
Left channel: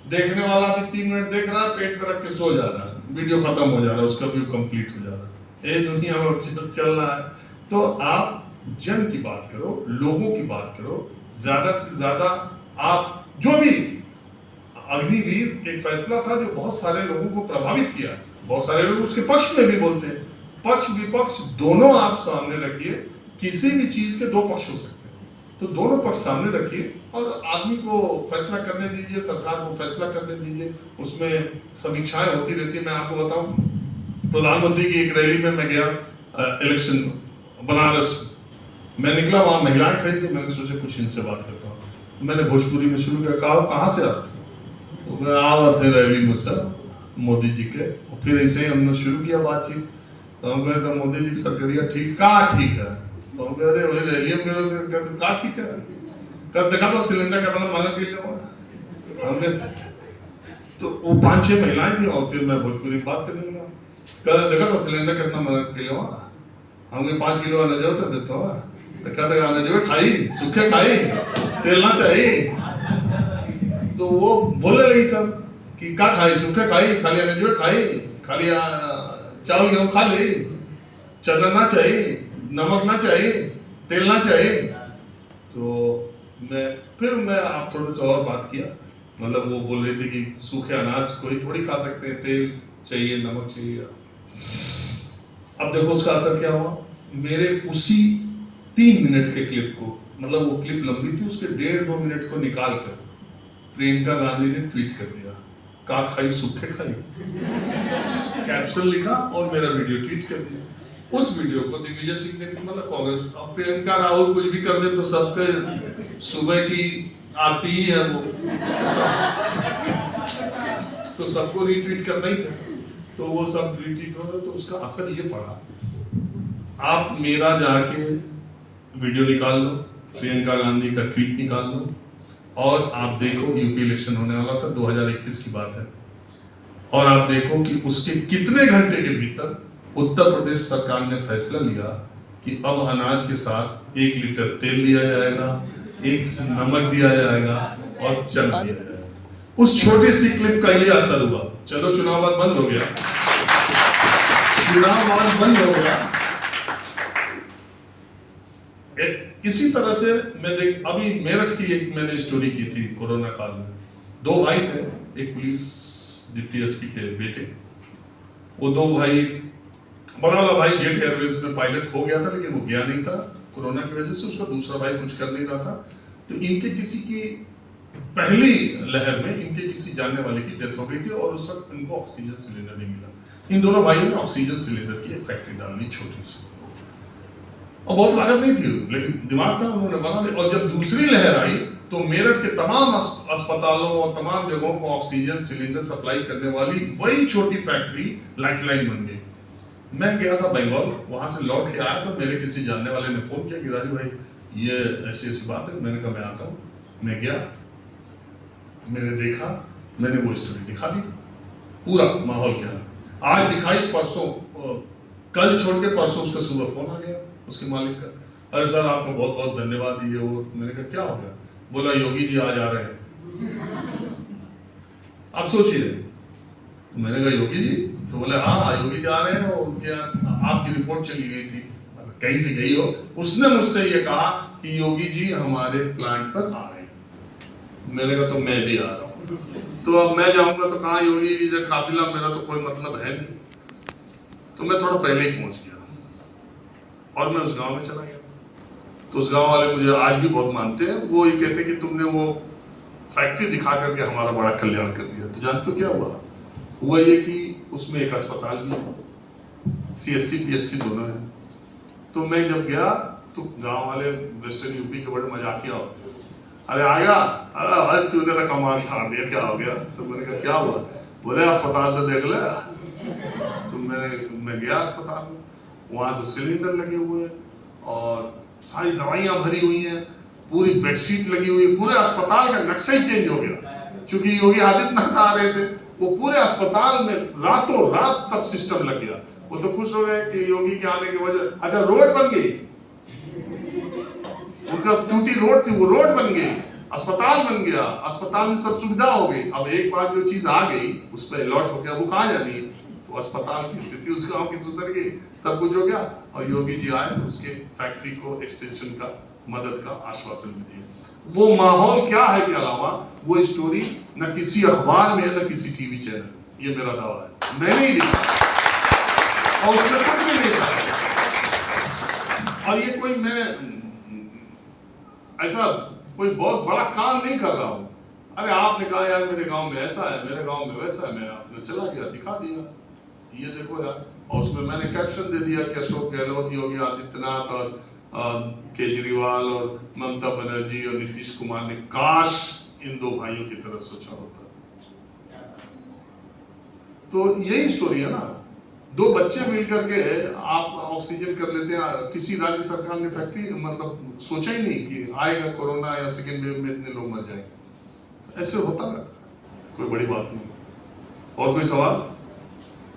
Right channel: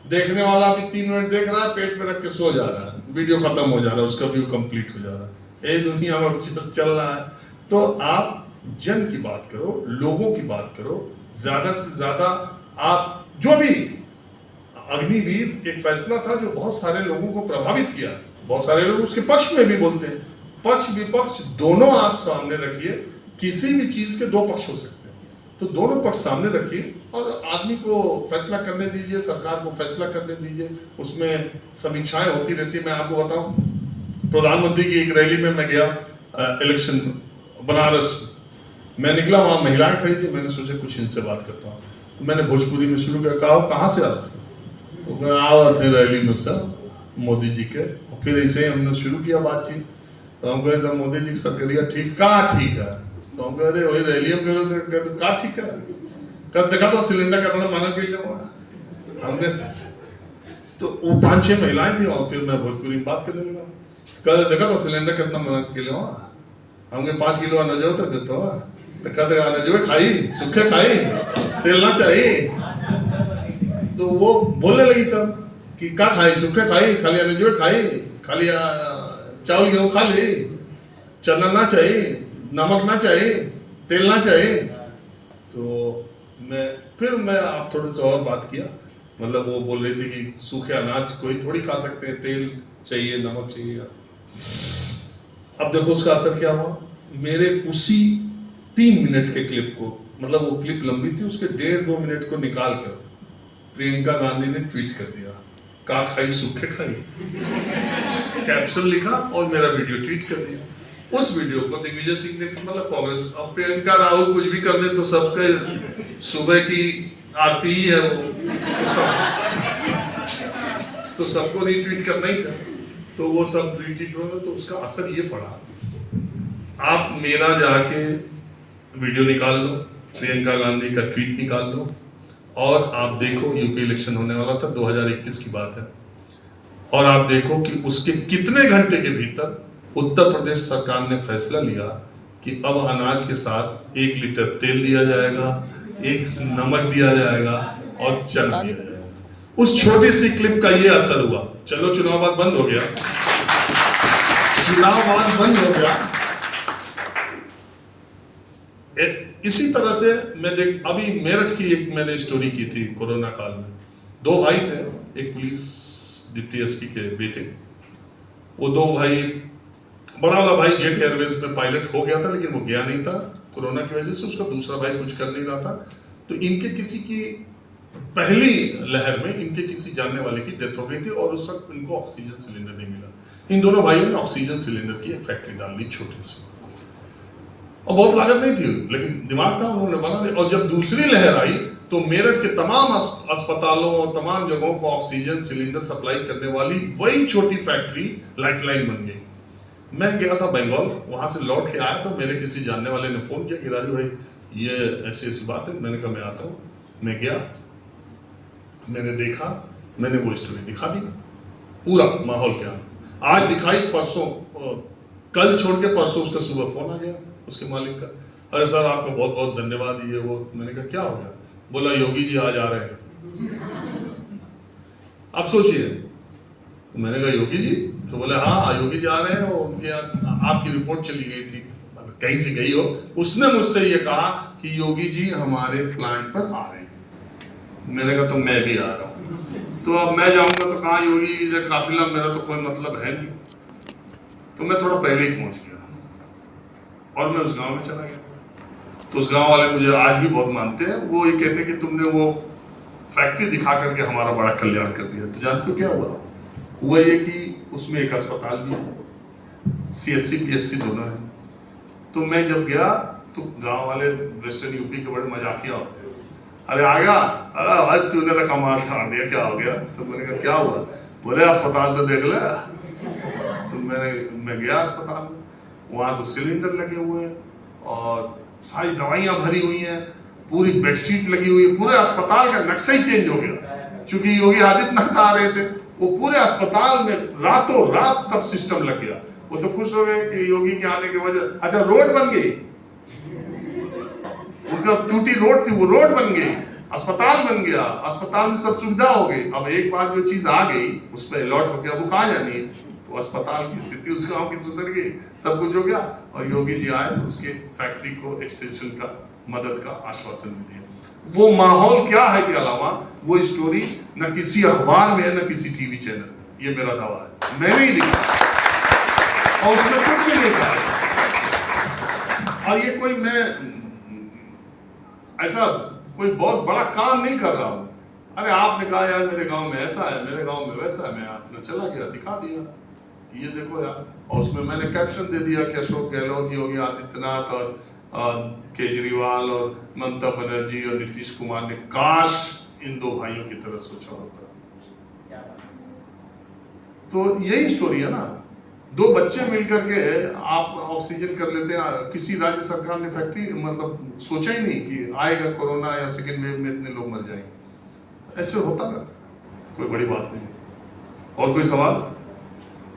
देखने वाला भी 3 मिनट देख रहा है, पेट पे रख के सो जा रहा है, वीडियो खत्म हो जा रहा है, उसका व्यू कंप्लीट हो जा रहा है। ये दुनिया में चल रहा है। तो आप जन की बात करो, लोगों की बात करो, ज्यादा से ज्यादा आप जो भी अग्निवीर एक फैसला था जो बहुत सारे लोगों को प्रभावित किया, बहुत सारे लोग उसके पक्ष में भी बोलते हैं, पक्ष विपक्ष दोनों आप सामने रखिए। किसी भी चीज के 2 पक्ष हो सकते हैं, तो दोनों पक्ष सामने रखिए और आदमी को फैसला करने दीजिए, सरकार को फैसला करने दीजिए। उसमें समीक्षाएं होती रहती है। मैं आपको बताऊं, प्रधानमंत्री की एक रैली में मैं गया, इलेक्शन बनारस, मैं निकला, वहां महिलाएं खड़ी थी, मैंने सोचा कुछ इनसे बात करता हूँ, तो मैंने भोजपुरी में शुरू किया, कहा कहाँ से आते हो? तो मैं आवा थे रैली में सर मोदी जी के, और फिर ऐसे ही हमने शुरू किया बातचीत। तो हम कहे मोदी जी की सरकारिया ठीक का ठीक है, तो हम कह रहे वही रैली में करो, तो कहते का ठीक है, कब देखा तो सिलेंडर कितना महंगा किलो है हमने। तो वो 5-6 महिलाएं थी और फिर मैं भोजपुरी में बात करने लगा, कहते देखा तो सिलेंडर कितना महंगा किलो है, हमके 5 किलो आने जो तो देते हो, तो कहते आने जो खाई सूखे खाई तेल ना चाहिए। तो वो बोलने लगी सब कि का खाई, सूखे खाई, खाली आने जो खाई, खाली चावल गेहूं खा ली, चना ना चाहिए, नमक ना चाहिए, तेल ना चाहिए। तो मैं आप थोड़े से और बात किया, मतलब वो बोल रही थी कि सूखे अनाज कोई थोड़ी खा सकते हैं, तेल चाहिए, नमक चाहिए। अब देखो उसका असर क्या हुआ। मेरे उसी 3 मिनट के क्लिप को, मतलब वो क्लिप लंबी थी, उसके 1.5-2 मिनट को निकाल कर प्रियंका गांधी ने ट्वीट कर दिया, का खाई सूखे खाई, कैप्शन लिखा और मेरा वीडियो ट्वीट कर दिया। उस वीडियो को दिग्विजय सिंह ने, मतलब कांग्रेस, अब प्रियंका राहुल कुछ भी कर दे तो सबके सुबह की आरती ही है वो, तो सबको रीट्वीट करना ही था, तो वो सब रीट्वीट हो गए। तो उसका असर ये पड़ा, आप मेरा जाके वीडियो निकाल लो, प्रियंका गांधी का ट्वीट निकाल लो, और आप देखो यूपी इलेक्शन होने वाला था, 2021 की बात है, और आप देखो कि उसके कितने घंटे के भीतर उत्तर प्रदेश सरकार ने फैसला लिया कि अब अनाज के साथ 1 लीटर तेल दिया जाएगा, 1 नमक दिया जाएगा और चना दिया जाएगा। उस छोटी सी क्लिप का ये असर हुआ। चलो चुनाव बाद बंद हो गया, चुनाव बाद बंद हो गया, इसी तरह से मैं देख अभी मेरठ की एक मैंने स्टोरी की थी कोरोना काल में। 2 भाई थे, एक पुलिस डिप्टी एसपी के बेटे, वो 2 भाई, बड़ा वाला भाई जेट एयरवेज में पायलट हो गया था लेकिन वो गया नहीं था कोरोना की वजह से, उसका दूसरा भाई कुछ कर नहीं रहा था। तो इनके किसी की पहली लहर में इनके किसी जानने वाले की डेथ हो गई थी और उस वक्त इनको ऑक्सीजन सिलेंडर नहीं मिला। इन दोनों भाइयों ने ऑक्सीजन सिलेंडर की एक फैक्ट्री डाल ली छोटी सी, और बहुत लागत नहीं थी लेकिन दिमाग था, उन्होंने बना दिया। और जब दूसरी लहर आई तो मेरठ के तमाम अस्पतालों और तमाम जगहों को ऑक्सीजन सिलेंडर सप्लाई करने वाली वही छोटी फैक्ट्री लाइफलाइन बन गई। मैं गया था बंगाल, वहां से लौट के आया तो मेरे किसी जानने वाले ने फोन किया कि राजू भाई ये ऐसी ऐसी बात है। मैंने कहा मैं आता हूँ। मैं गया, मैंने देखा, मैंने वो स्टोरी दिखा दी, पूरा माहौल क्या है। आज दिखाई, परसों कल छोड़ के परसों उसका सुबह फोन आ गया उसके मालिक का, अरे सर आपका बहुत बहुत धन्यवाद ये वो। मैंने कहा क्या हो गया? बोला योगी जी आज आ रहे हैं। आप सोचिए। तो मैंने कहा योगी जी? तो बोले हाँ योगी जी आ रहे हैं, और उनके आपकी रिपोर्ट चली गई थी, कहीं से गई हो। उसने मुझसे ये कहा कि योगी जी हमारे प्लांट पर आ रहे हैं। मैंने कहा तो मैं भी आ रहा हूँ। तो अब मैं जाऊंगा तो कहाँ योगी जी जो काफिला, मेरा तो कोई मतलब है नहीं। तो मैं थोड़ा पहले ही पहुंच गया और मैं उस गांव में चला गया। तो उस गांव वाले मुझे आज भी बहुत मानते हैं। वो ये कहते हैं कि तुमने वो फैक्ट्री दिखा करके हमारा बड़ा कल्याण कर दिया। तो जानते हो क्या हुआ ये कि उसमें एक अस्पताल भी है, CSC PSC दोनों है। तो मैं जब गया तो गांव वाले वेस्टर्न यूपी के बड़े मजाकिया होते हैं, अरे आ गया, अरे तूने तो कमाल ठाड़ दिया, क्या हो गया? तो मैंने कहा क्या हुआ? बोले अस्पताल तो देख ले। तो मैं गया अस्पताल में, वहाँ तो सिलेंडर लगे हुए हैं और सारी दवाइयाँ भरी हुई हैं, पूरी बेडशीट लगी हुई है, पूरे अस्पताल का नक्शा ही चेंज हो गया। क्योंकि योगी आदित्यनाथ आ रहे थे, वो पूरे अस्पताल में रातों रात सब सिस्टम लग गया। वो तो खुश हो गए कि योगी के आने की वजह, अच्छा रोड बन गई, उनका टूटी रोड थी वो रोड बन गई, अस्पताल बन गया, अस्पताल में सब सुविधा हो गई। अब एक बार जो चीज आ गई उस पर अलर्ट हो गया, वो कहाँ जानी है? तो अस्पताल की स्थिति उस गांव की सुधर गई, सब कुछ हो गया। और योगी जी आए तो उसके फैक्ट्री को एक्सटेंशन का मदद का आश्वासन भी दिया। वो माहौल क्या है के अलावा वो स्टोरी न किसी अखबार में न किसी टीवी चैनल में, ये मेरा दावा है, मैंने ही दिखा और उसमें कुछ भी नहीं कहा। और ये कोई मैं ऐसा कोई बहुत बड़ा काम नहीं कर रहा हूं। अरे आपने कहा यार मेरे गांव में ऐसा है, मेरे गांव में वैसा है, मैं आपने चला गया दिखा दिया कि ये देखो यार। और उसमें मैंने कैप्शन दे दिया कि अशोक गहलोत, योगी आदित्यनाथ और केजरीवाल और ममता बनर्जी और नीतीश कुमार ने काश इन 2 भाइयों की तरह सोचा होता। तो यही स्टोरी है ना, 2 बच्चे मिलकर के आप ऑक्सीजन कर लेते हैं। किसी राज्य सरकार ने फैक्ट्री मतलब सोचा ही नहीं कि आएगा कोरोना या सेकेंड वेव में इतने लोग मर जाएंगे। ऐसे होता रहता है, कोई बड़ी बात नहीं। और कोई सवाल?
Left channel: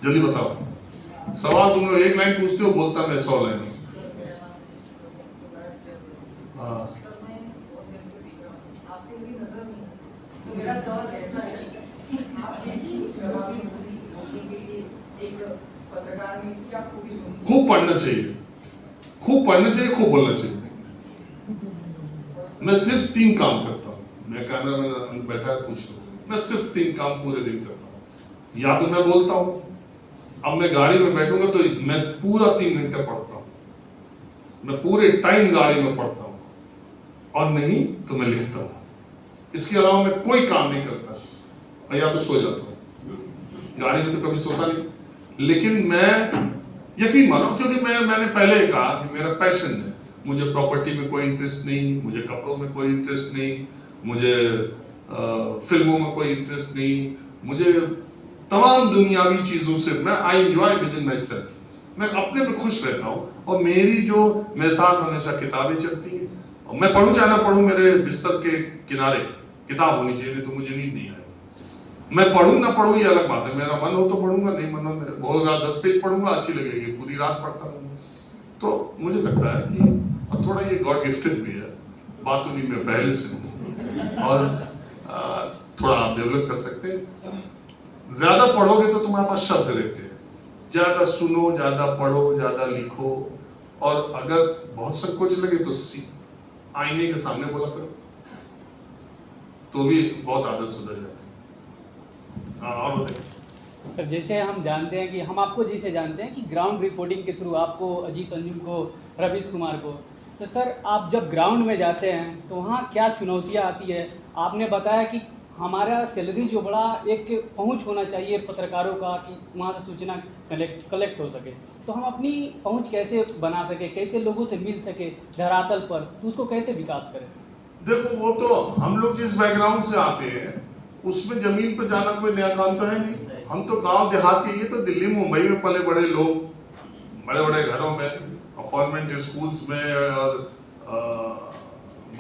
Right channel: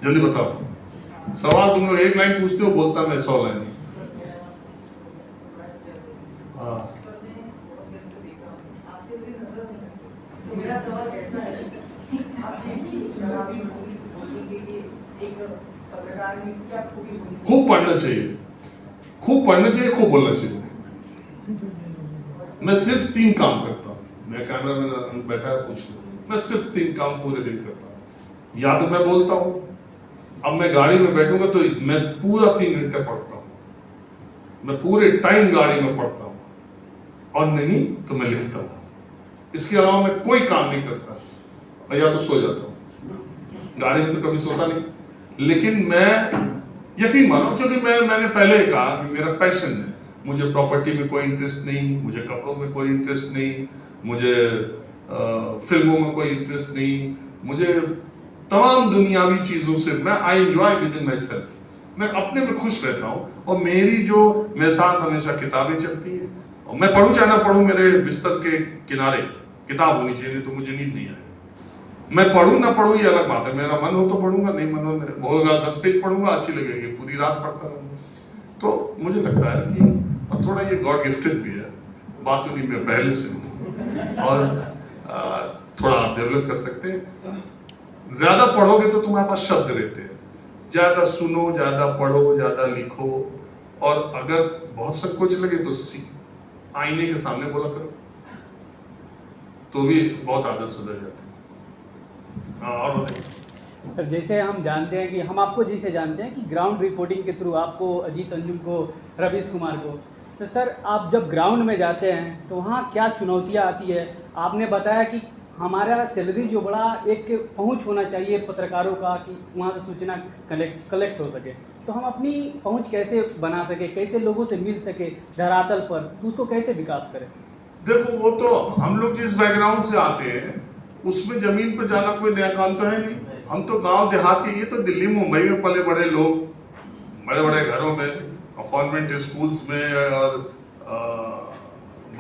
जल्दी बताओ सवाल। तुम लोग 1 लाइन पूछते हो, बोलता मैं 100 लाइन। मेरा सवाल ऐसा है कि आप ऐसी जवाबी बोलने के लिए एक पत्रकार में क्या खूबी होती? खूब पढ़ना चाहिए, खूब पढ़ना चाहिए, खूब बोलना चाहिए। मैं सिर्फ 3 काम करता हूँ। मैं कैमरा में बैठा है, पूछ लो। मैं सिर्फ 3 काम पूरे दिन करता हूँ। या तो मैं बोलता हूँ, अब मैं गाड़ी में बैठूंगा तो मैं पूरा 3 घंटे पढ़ता हूँ, मैं पूरे टाइम गाड़ी में पढ़ता हूँ, और नहीं तो मैं लिखता हूँ। इसके अलावा मैं कोई काम नहीं करता, और या तो सो जाता हूँ। गाड़ी में तो कभी सोता नहीं। लेकिन मैं यकीन मानो, क्योंकि मैंने पहले कहा कि मेरा पैशन है। मुझे प्रॉपर्टी में कोई इंटरेस्ट नहीं, मुझे कपड़ों में कोई इंटरेस्ट नहीं, मुझे फिल्मों में कोई इंटरेस्ट नहीं, मुझे तमाम दुनियावी चीज़ों से I enjoy with in my self. मैं अपने में खुश रहता हूँ, और मेरे साथ हमेशा किताबें चलती हैं। और मैं पढ़ूँ चाहे ना पढ़ूँ, मेरे बिस्तर के किनारे किताब होनी चाहिए, नहीं तो मुझे नींद नहीं आएगी। मैं पढ़ूँ ना पढ़ूँ ये अलग बात है, मेरा मन हो तो पढ़ूंगा, नहीं मन होगा 10 पेज पढ़ूंगा, अच्छी लगेगी, पूरी रात पढ़ता रहूँगा। तो मुझे लगता है कि और थोड़ा ये गॉड गिफ्टेड भी है, बात उन्हीं में पहले से और थोड़ा आप डेवलप कर सकते हैं। ज्यादा पढ़ोगे तो तुम्हारे पास शब्द रहते हैं, ज्यादा सुनो, ज्यादा पढ़ो, ज्यादा लिखो, और अगर बहुत संकोच लगे तो आईने के सामने बोला करो, तो भी बहुत आदत सुधर जाती है। हाँ, और बताइए सर, जैसे हम जानते हैं कि हम आपको जैसे जानते हैं कि ग्राउंड रिपोर्टिंग के थ्रू आपको, अजीत अंजुम को, रवीश कुमार को, तो सर आप जब ग्राउंड में जाते हैं तो वहाँ क्या चुनौतियाँ आती है? आपने बताया कि हमारा सैलरी जो बड़ा एक पहुंच होना चाहिए पत्रकारों का कि वहाँ से सूचना कलेक्ट हो सके, तो हम अपनी पहुंच कैसे बना सके, कैसे लोगों से मिल सके धरातल पर, तो उसको कैसे विकास करें? देखो, वो तो हम लोग जिस बैकग्राउंड से आते हैं उसमें जमीन पर जाना कोई नया काम तो है नहीं। हम तो गांव देहात के, ये तो दिल्ली मुंबई में पले बड़े लोग, बड़े बड़े घरों में, कॉन्वेंट स्कूल्स में, और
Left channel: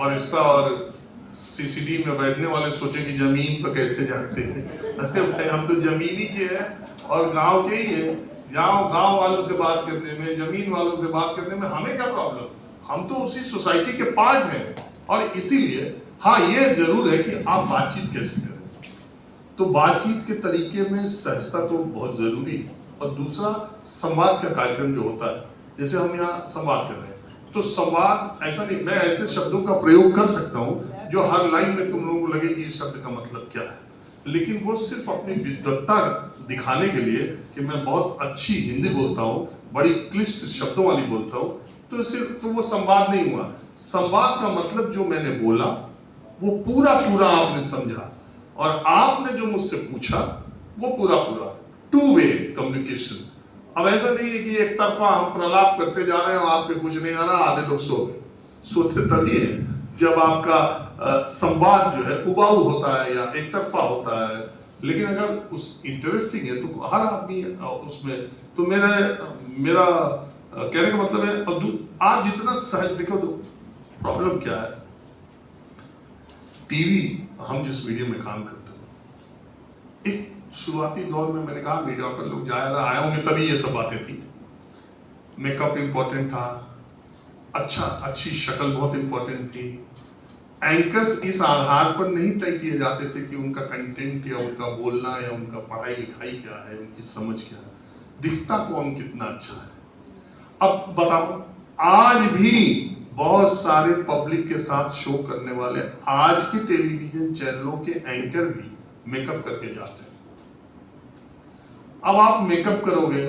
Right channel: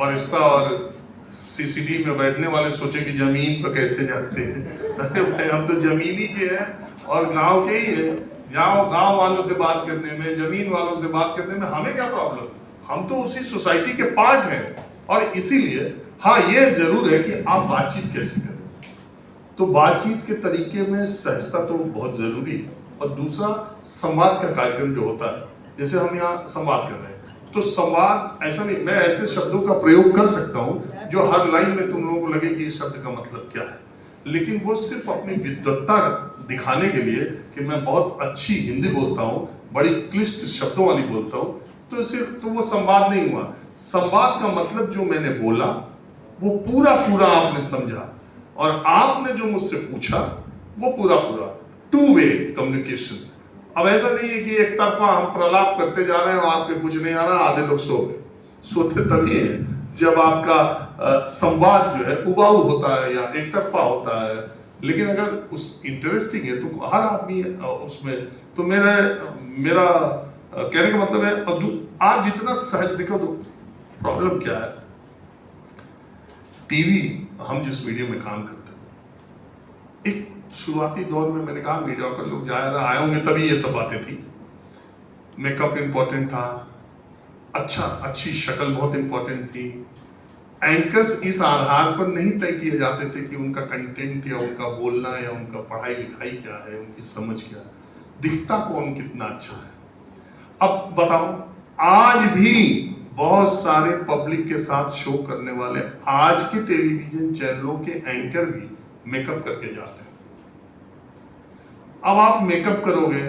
बरिस्ता और सीसीडी में बैठने वाले सोचे कि जमीन पर कैसे जाते हैं। अरे भाई, हम तो जमीनी के हैं और गांव के ही है। गांव वालों से बात करने में, जमीन वालों से बात करने में हमें क्या प्रॉब्लम? हम तो उसी सोसाइटी के पार्ट हैं। और इसीलिए हाँ, ये जरूर है कि आप बातचीत कैसे करें। तो बातचीत के तरीके में सहजता तो बहुत जरूरी है। और दूसरा, संवाद का कार्यक्रम जो होता है, जैसे हम यहाँ संवाद कर रहे हैं, तो संवाद ऐसा नहीं, मैं ऐसे शब्दों का प्रयोग कर सकता हूँ जो हर लाइन में तुम लोगों को लगे कि इस शब्द का मतलब क्या है, लेकिन वो सिर्फ अपनी विद्वत्ता दिखाने के लिए कि मैं बहुत अच्छी हिंदी बोलता हूँ, बड़ी क्लिष्ट शब्दों वाली बोलता हूँ, तो सिर्फ तो वो संवाद नहीं हुआ। संवाद का मतलब जो मैंने बोला वो पूरा पूरा आपने समझा, और आपने जो मुझसे पूछा वो पूरा पूरा, टू वे कम्युनिकेशन। अब ऐसा नहीं है कि एक तरफा हम प्रलाप करते जा रहे हैं और आपके कुछ नहीं आ रहा, आधे लोग सो गए। सोते तभी है जब आपका संवाद जो है उबाऊ होता है या एक तरफा होता है। लेकिन अगर उस इंटरेस्टिंग है तो हर आदमी उसमें, तो मेरा कहने का मतलब है, अब आप जितना सहज, देखो तो प्रॉब्लम क्या है, टीवी, हम जिस मीडिया में काम करते हैं, एक शुरुआती दौर में मैंने कहा मीडिया के लोग ज्यादा आए होंगे तभी ये सब बातें थी। मेकअप इंपॉर्टेंट था, अच्छी शक्ल बहुत इंपॉर्टेंट थी। एंकर्स इस आधार पर नहीं तय किए जाते थे कि उनका कंटेंट या उनका बोलना या उनका पढ़ाई लिखाई क्या है, उनकी समझ क्या है, दिखता कौन कितना अच्छा है। अब बताओ, आज भी बहुत सारे पब्लिक के साथ शो करने वाले आज के टेलीविजन चैनलों के एंकर भी मेकअप करके जाते हैं। अब आप मेकअप करोगे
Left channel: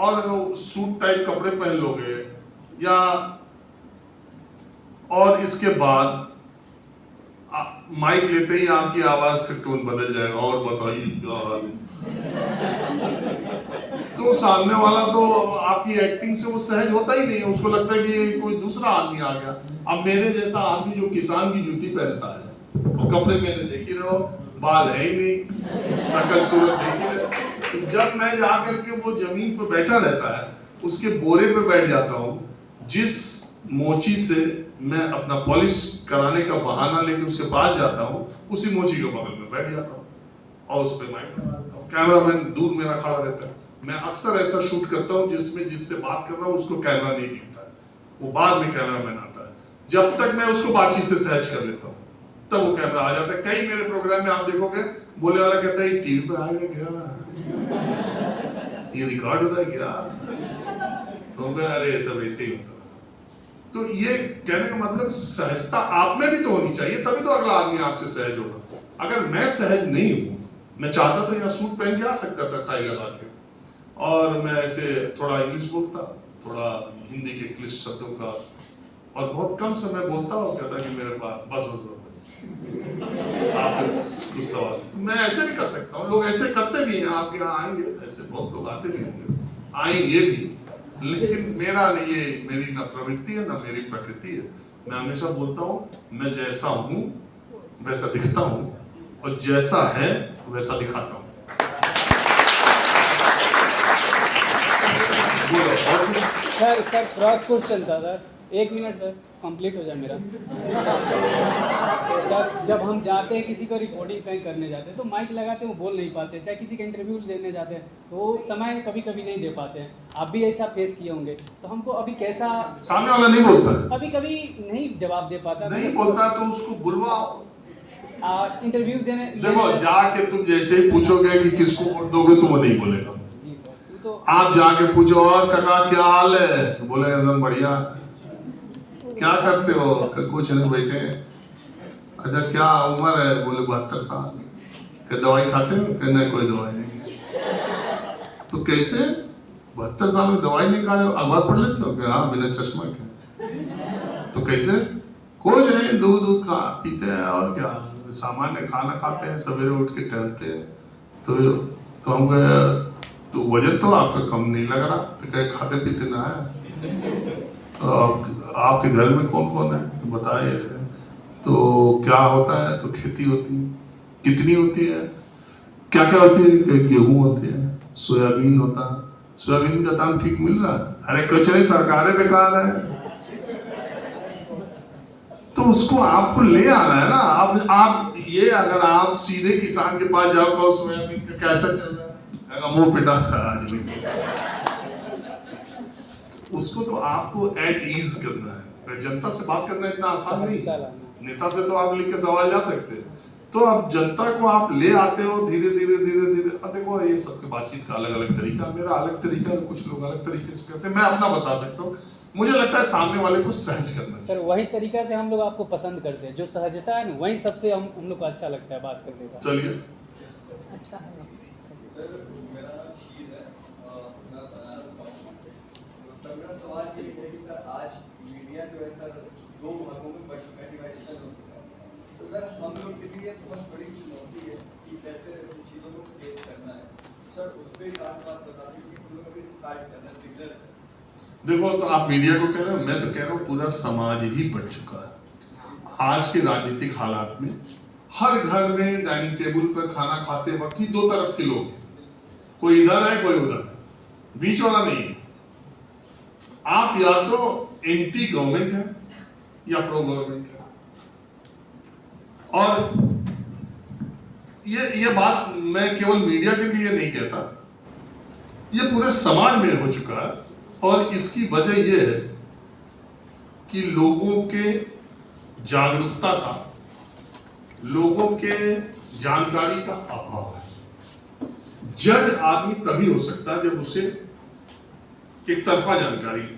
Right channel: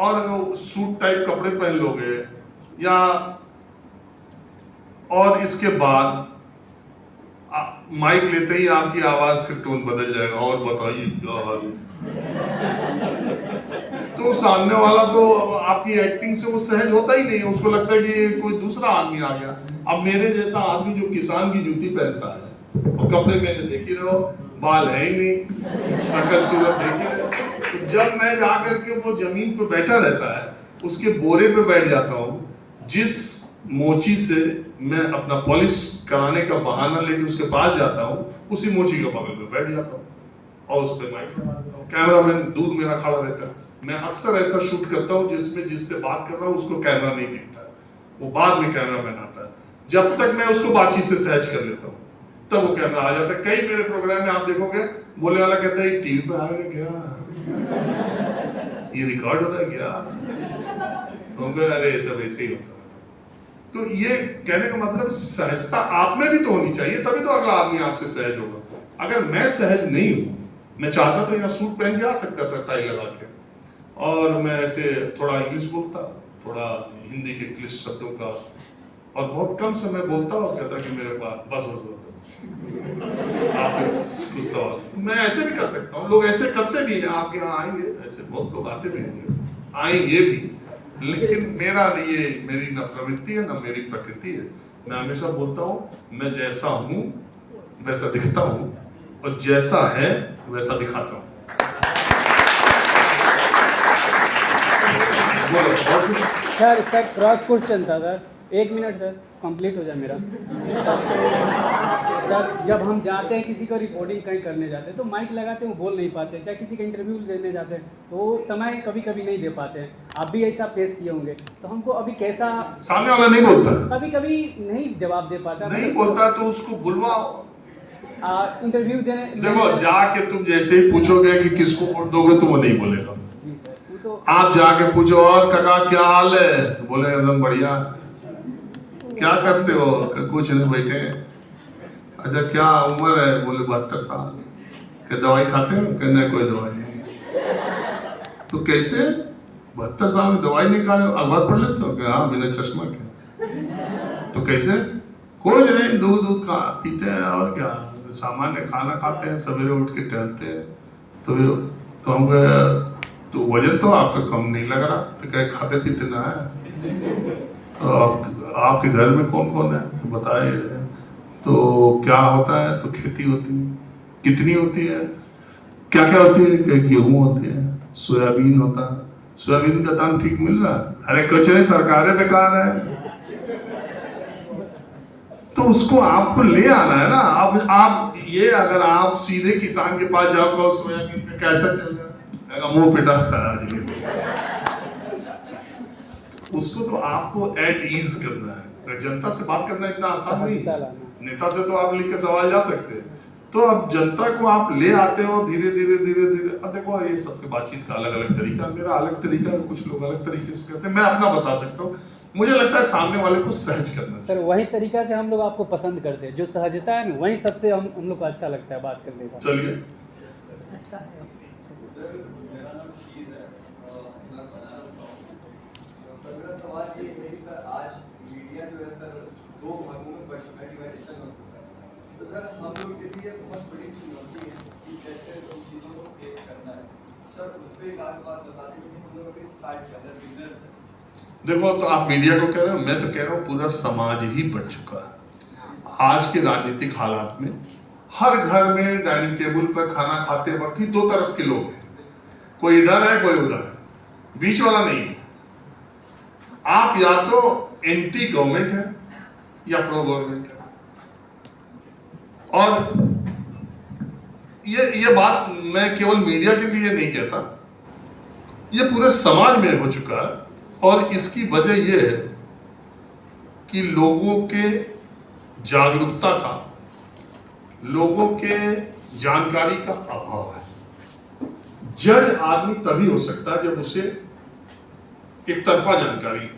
और सूट टाइप कपड़े पहन लोगे, या और इसके बाद माइक लेते ही आपकी आवाज का टोन बदल जाएगा, और बताइए क्या हाल। तो सामने वाला तो आपकी एक्टिंग से वो सहज होता ही नहीं है, उसको लगता है कि कोई दूसरा आदमी आ गया। अब मेरे जैसा आदमी जो किसान की जूती पहनता है और कपड़े पहने देख ही रहो, बाल है ही नहीं, शक्ल सूरत देख ही रहो, तो जब मैं जाकर के वो जमीन पर बैठा रहता है, उसके बोरे पे बैठ जाता हूँ, जिस मोची से मैं अपना पॉलिश कराने का बहाना लेके उसके पास जाता हूँ, उसी मोची के बगल में बैठ जाता हूँ और उस पर माइक लगा देता हूँ। कैमरामैन दूर मेरा खड़ा रहता है। मैं अक्सर ऐसा शूट करता हूँ जिसमें जिससे बात कर रहा हूँ उसको कैमरा नहीं दिखता है, वो बाद में कैमरामैन आता है। जब तक मैं उसको बातचीत से सहज कर लेता हूँ तब वो कैमरा आ जाता है। कई मेरे प्रोग्राम में आप देखोगे बोलने वाला कहता है टीवी पे आ गया क्या, ये रिकॉर्ड हो रहा है क्या, तो अरे सब ऐसे ही होता है। तो ये कहने का मतलब सहजता आप में भी तो होनी चाहिए, तभी तो अगला आदमी आपसे सहज होगा। अगर मैं सहज नहीं हूँ, मैं चाहता तो यहाँ सूट पहन के आ सकता था टाई लगा के, और मैं ऐसे थोड़ा इंग्लिश बोलता, थोड़ा हिंदी के क्लिष्ट शब्दों का, और बहुत कम समय बोलता और कहता कि मेरे पास बस आप कुछ सवाल, मैं ऐसे भी कर सकता हूँ, लोग ऐसे करते भी हैं, आपके यहाँ आएंगे ऐसे बहुत लोग आते भी होंगे, आएंगे भी, लेकिन मेरा नहीं, ये मेरी ना प्रवृत्ति है ना मेरी प्रकृति है। मैं हमेशा बोलता हूँ मैं जैसा हूँ वैसा दिखता हूँ और जैसा है वैसा दिखाता हूँ। सर क्रॉस क्वेश्चन था सर, 1 मिनट सर, कंप्लीट हो जाए मेरा। जब हम जाते हैं किसी को रिकॉर्डिंग कहीं करने जाते हैं तो माइक लगाते हैं, वो बोल नहीं पाते, चाहे किसी का इंटरव्यू देने जाते हैं तो वो समय कभी कभी नहीं दे पाते हैं। आप भी ऐसा फेस किए होंगे, तो हमको अभी कैसा, सामने वाला नहीं बोलता, कभी कभी नहीं जवाब दे पाता, नहीं बोलता तो उसको बुलवाओ, इंटरव्यू देने। देखो जाके तुम जैसे ही पूछोगे कि किसको वोट दोगे तो वो नहीं बोलेगा। जी सर, तो आप जाके पूछो और काका क्या हाल है, बोले एकदम बढ़िया। क्या करते हो, कुछ नहीं बैठे। अच्छा क्या उम्र है, बोले 72 साल। क्या दवाई खाते हो, कहना कोई दवाई नहीं। तो कैसे 72 साल में दवाई नहीं खा रहे हो, अखबार पढ़ लेते हो? हाँ बिना चश्मा के। तो कैसे? कुछ नहीं, दूध खा पीते हैं और क्या, सामान्य खाना खाते हैं, सवेरे उठ के टहलते हैं। तो हम तो वजन तो आपका कम नहीं लग रहा। तो कहे खाते पीते ना है। तो आपके घर में कौन कौन है, तो बताइए। तो क्या होता है, तो खेती होती है। कितनी होती है, क्या क्या होती है? कि गेहूं होती है, सोयाबीन होता है। सोयाबीन का दाम ठीक मिल रहा है? अरे कुछ नहीं, सरकारें बेकार है। तो उसको आपको ले आना है ना। अब आप ये अगर आप सीधे किसान के पास जाओ, कहो सोयाबीन का कैसा चल रहा है, मुंह पिटा सा आदमी। उसको तो आपको एट ईज करना है। जनता से बात करना इतना आसान नहीं है। नेता से तो आप लिख के सवाल जा सकते हैं। तो अब जनता को आप ले आते हो धीरे धीरे धीरे धीरे। अब देखो ये सबके बातचीत का अलग अलग तरीका, मेरा अलग तरीका है, कुछ लोग अलग तरीके से करते हैं। मैं अपना बता सकता हूँ। मुझे लगता है सामने वाले को सहज करना सर चाहिए। वही तरीका से हम लोग आपको पसंद करते हैं, जो सहजता है ना, वही सबसे हम लोग को अच्छा लगता है बात करने का। चलिए। अच्छा है। सर मेरा नाम शीर है, मैं बनारस का हूँ। तो सर मेरा सवाल ये है कि सर आज मीडिया जो है सर दो भागों में डिवाइडेशन हो चुका है। तो सर हम लोग के लिए बहुत बड़ी चुनौती है कि कैसे उन चीज़ों को फेस करना है। सर उस पर एक आध बात बता दें कि हम लोग अभी स्टार्ट कर रहे हैं बिगनर से। देखो, तो आप मीडिया को कह रहे हो, मैं तो कह रहा हूँ पूरा समाज ही बढ़ चुका है। आज के राजनीतिक हालात में हर घर में डाइनिंग टेबल पर खाना खाते वक्त ही दो तरफ के लोग हैं। कोई इधर है, कोई उधर है, बीच वाला नहीं है। आप या तो एंटी गवर्नमेंट है या प्रो गवर्नमेंट है। और ये बात मैं केवल मीडिया के लिए नहीं कहता, ये पूरे समाज में हो चुका है। और इसकी वजह यह है कि लोगों के जागरूकता का, लोगों के जानकारी का अभाव है। जज आदमी तभी हो सकता है जब उसे एक तरफा जानकारी,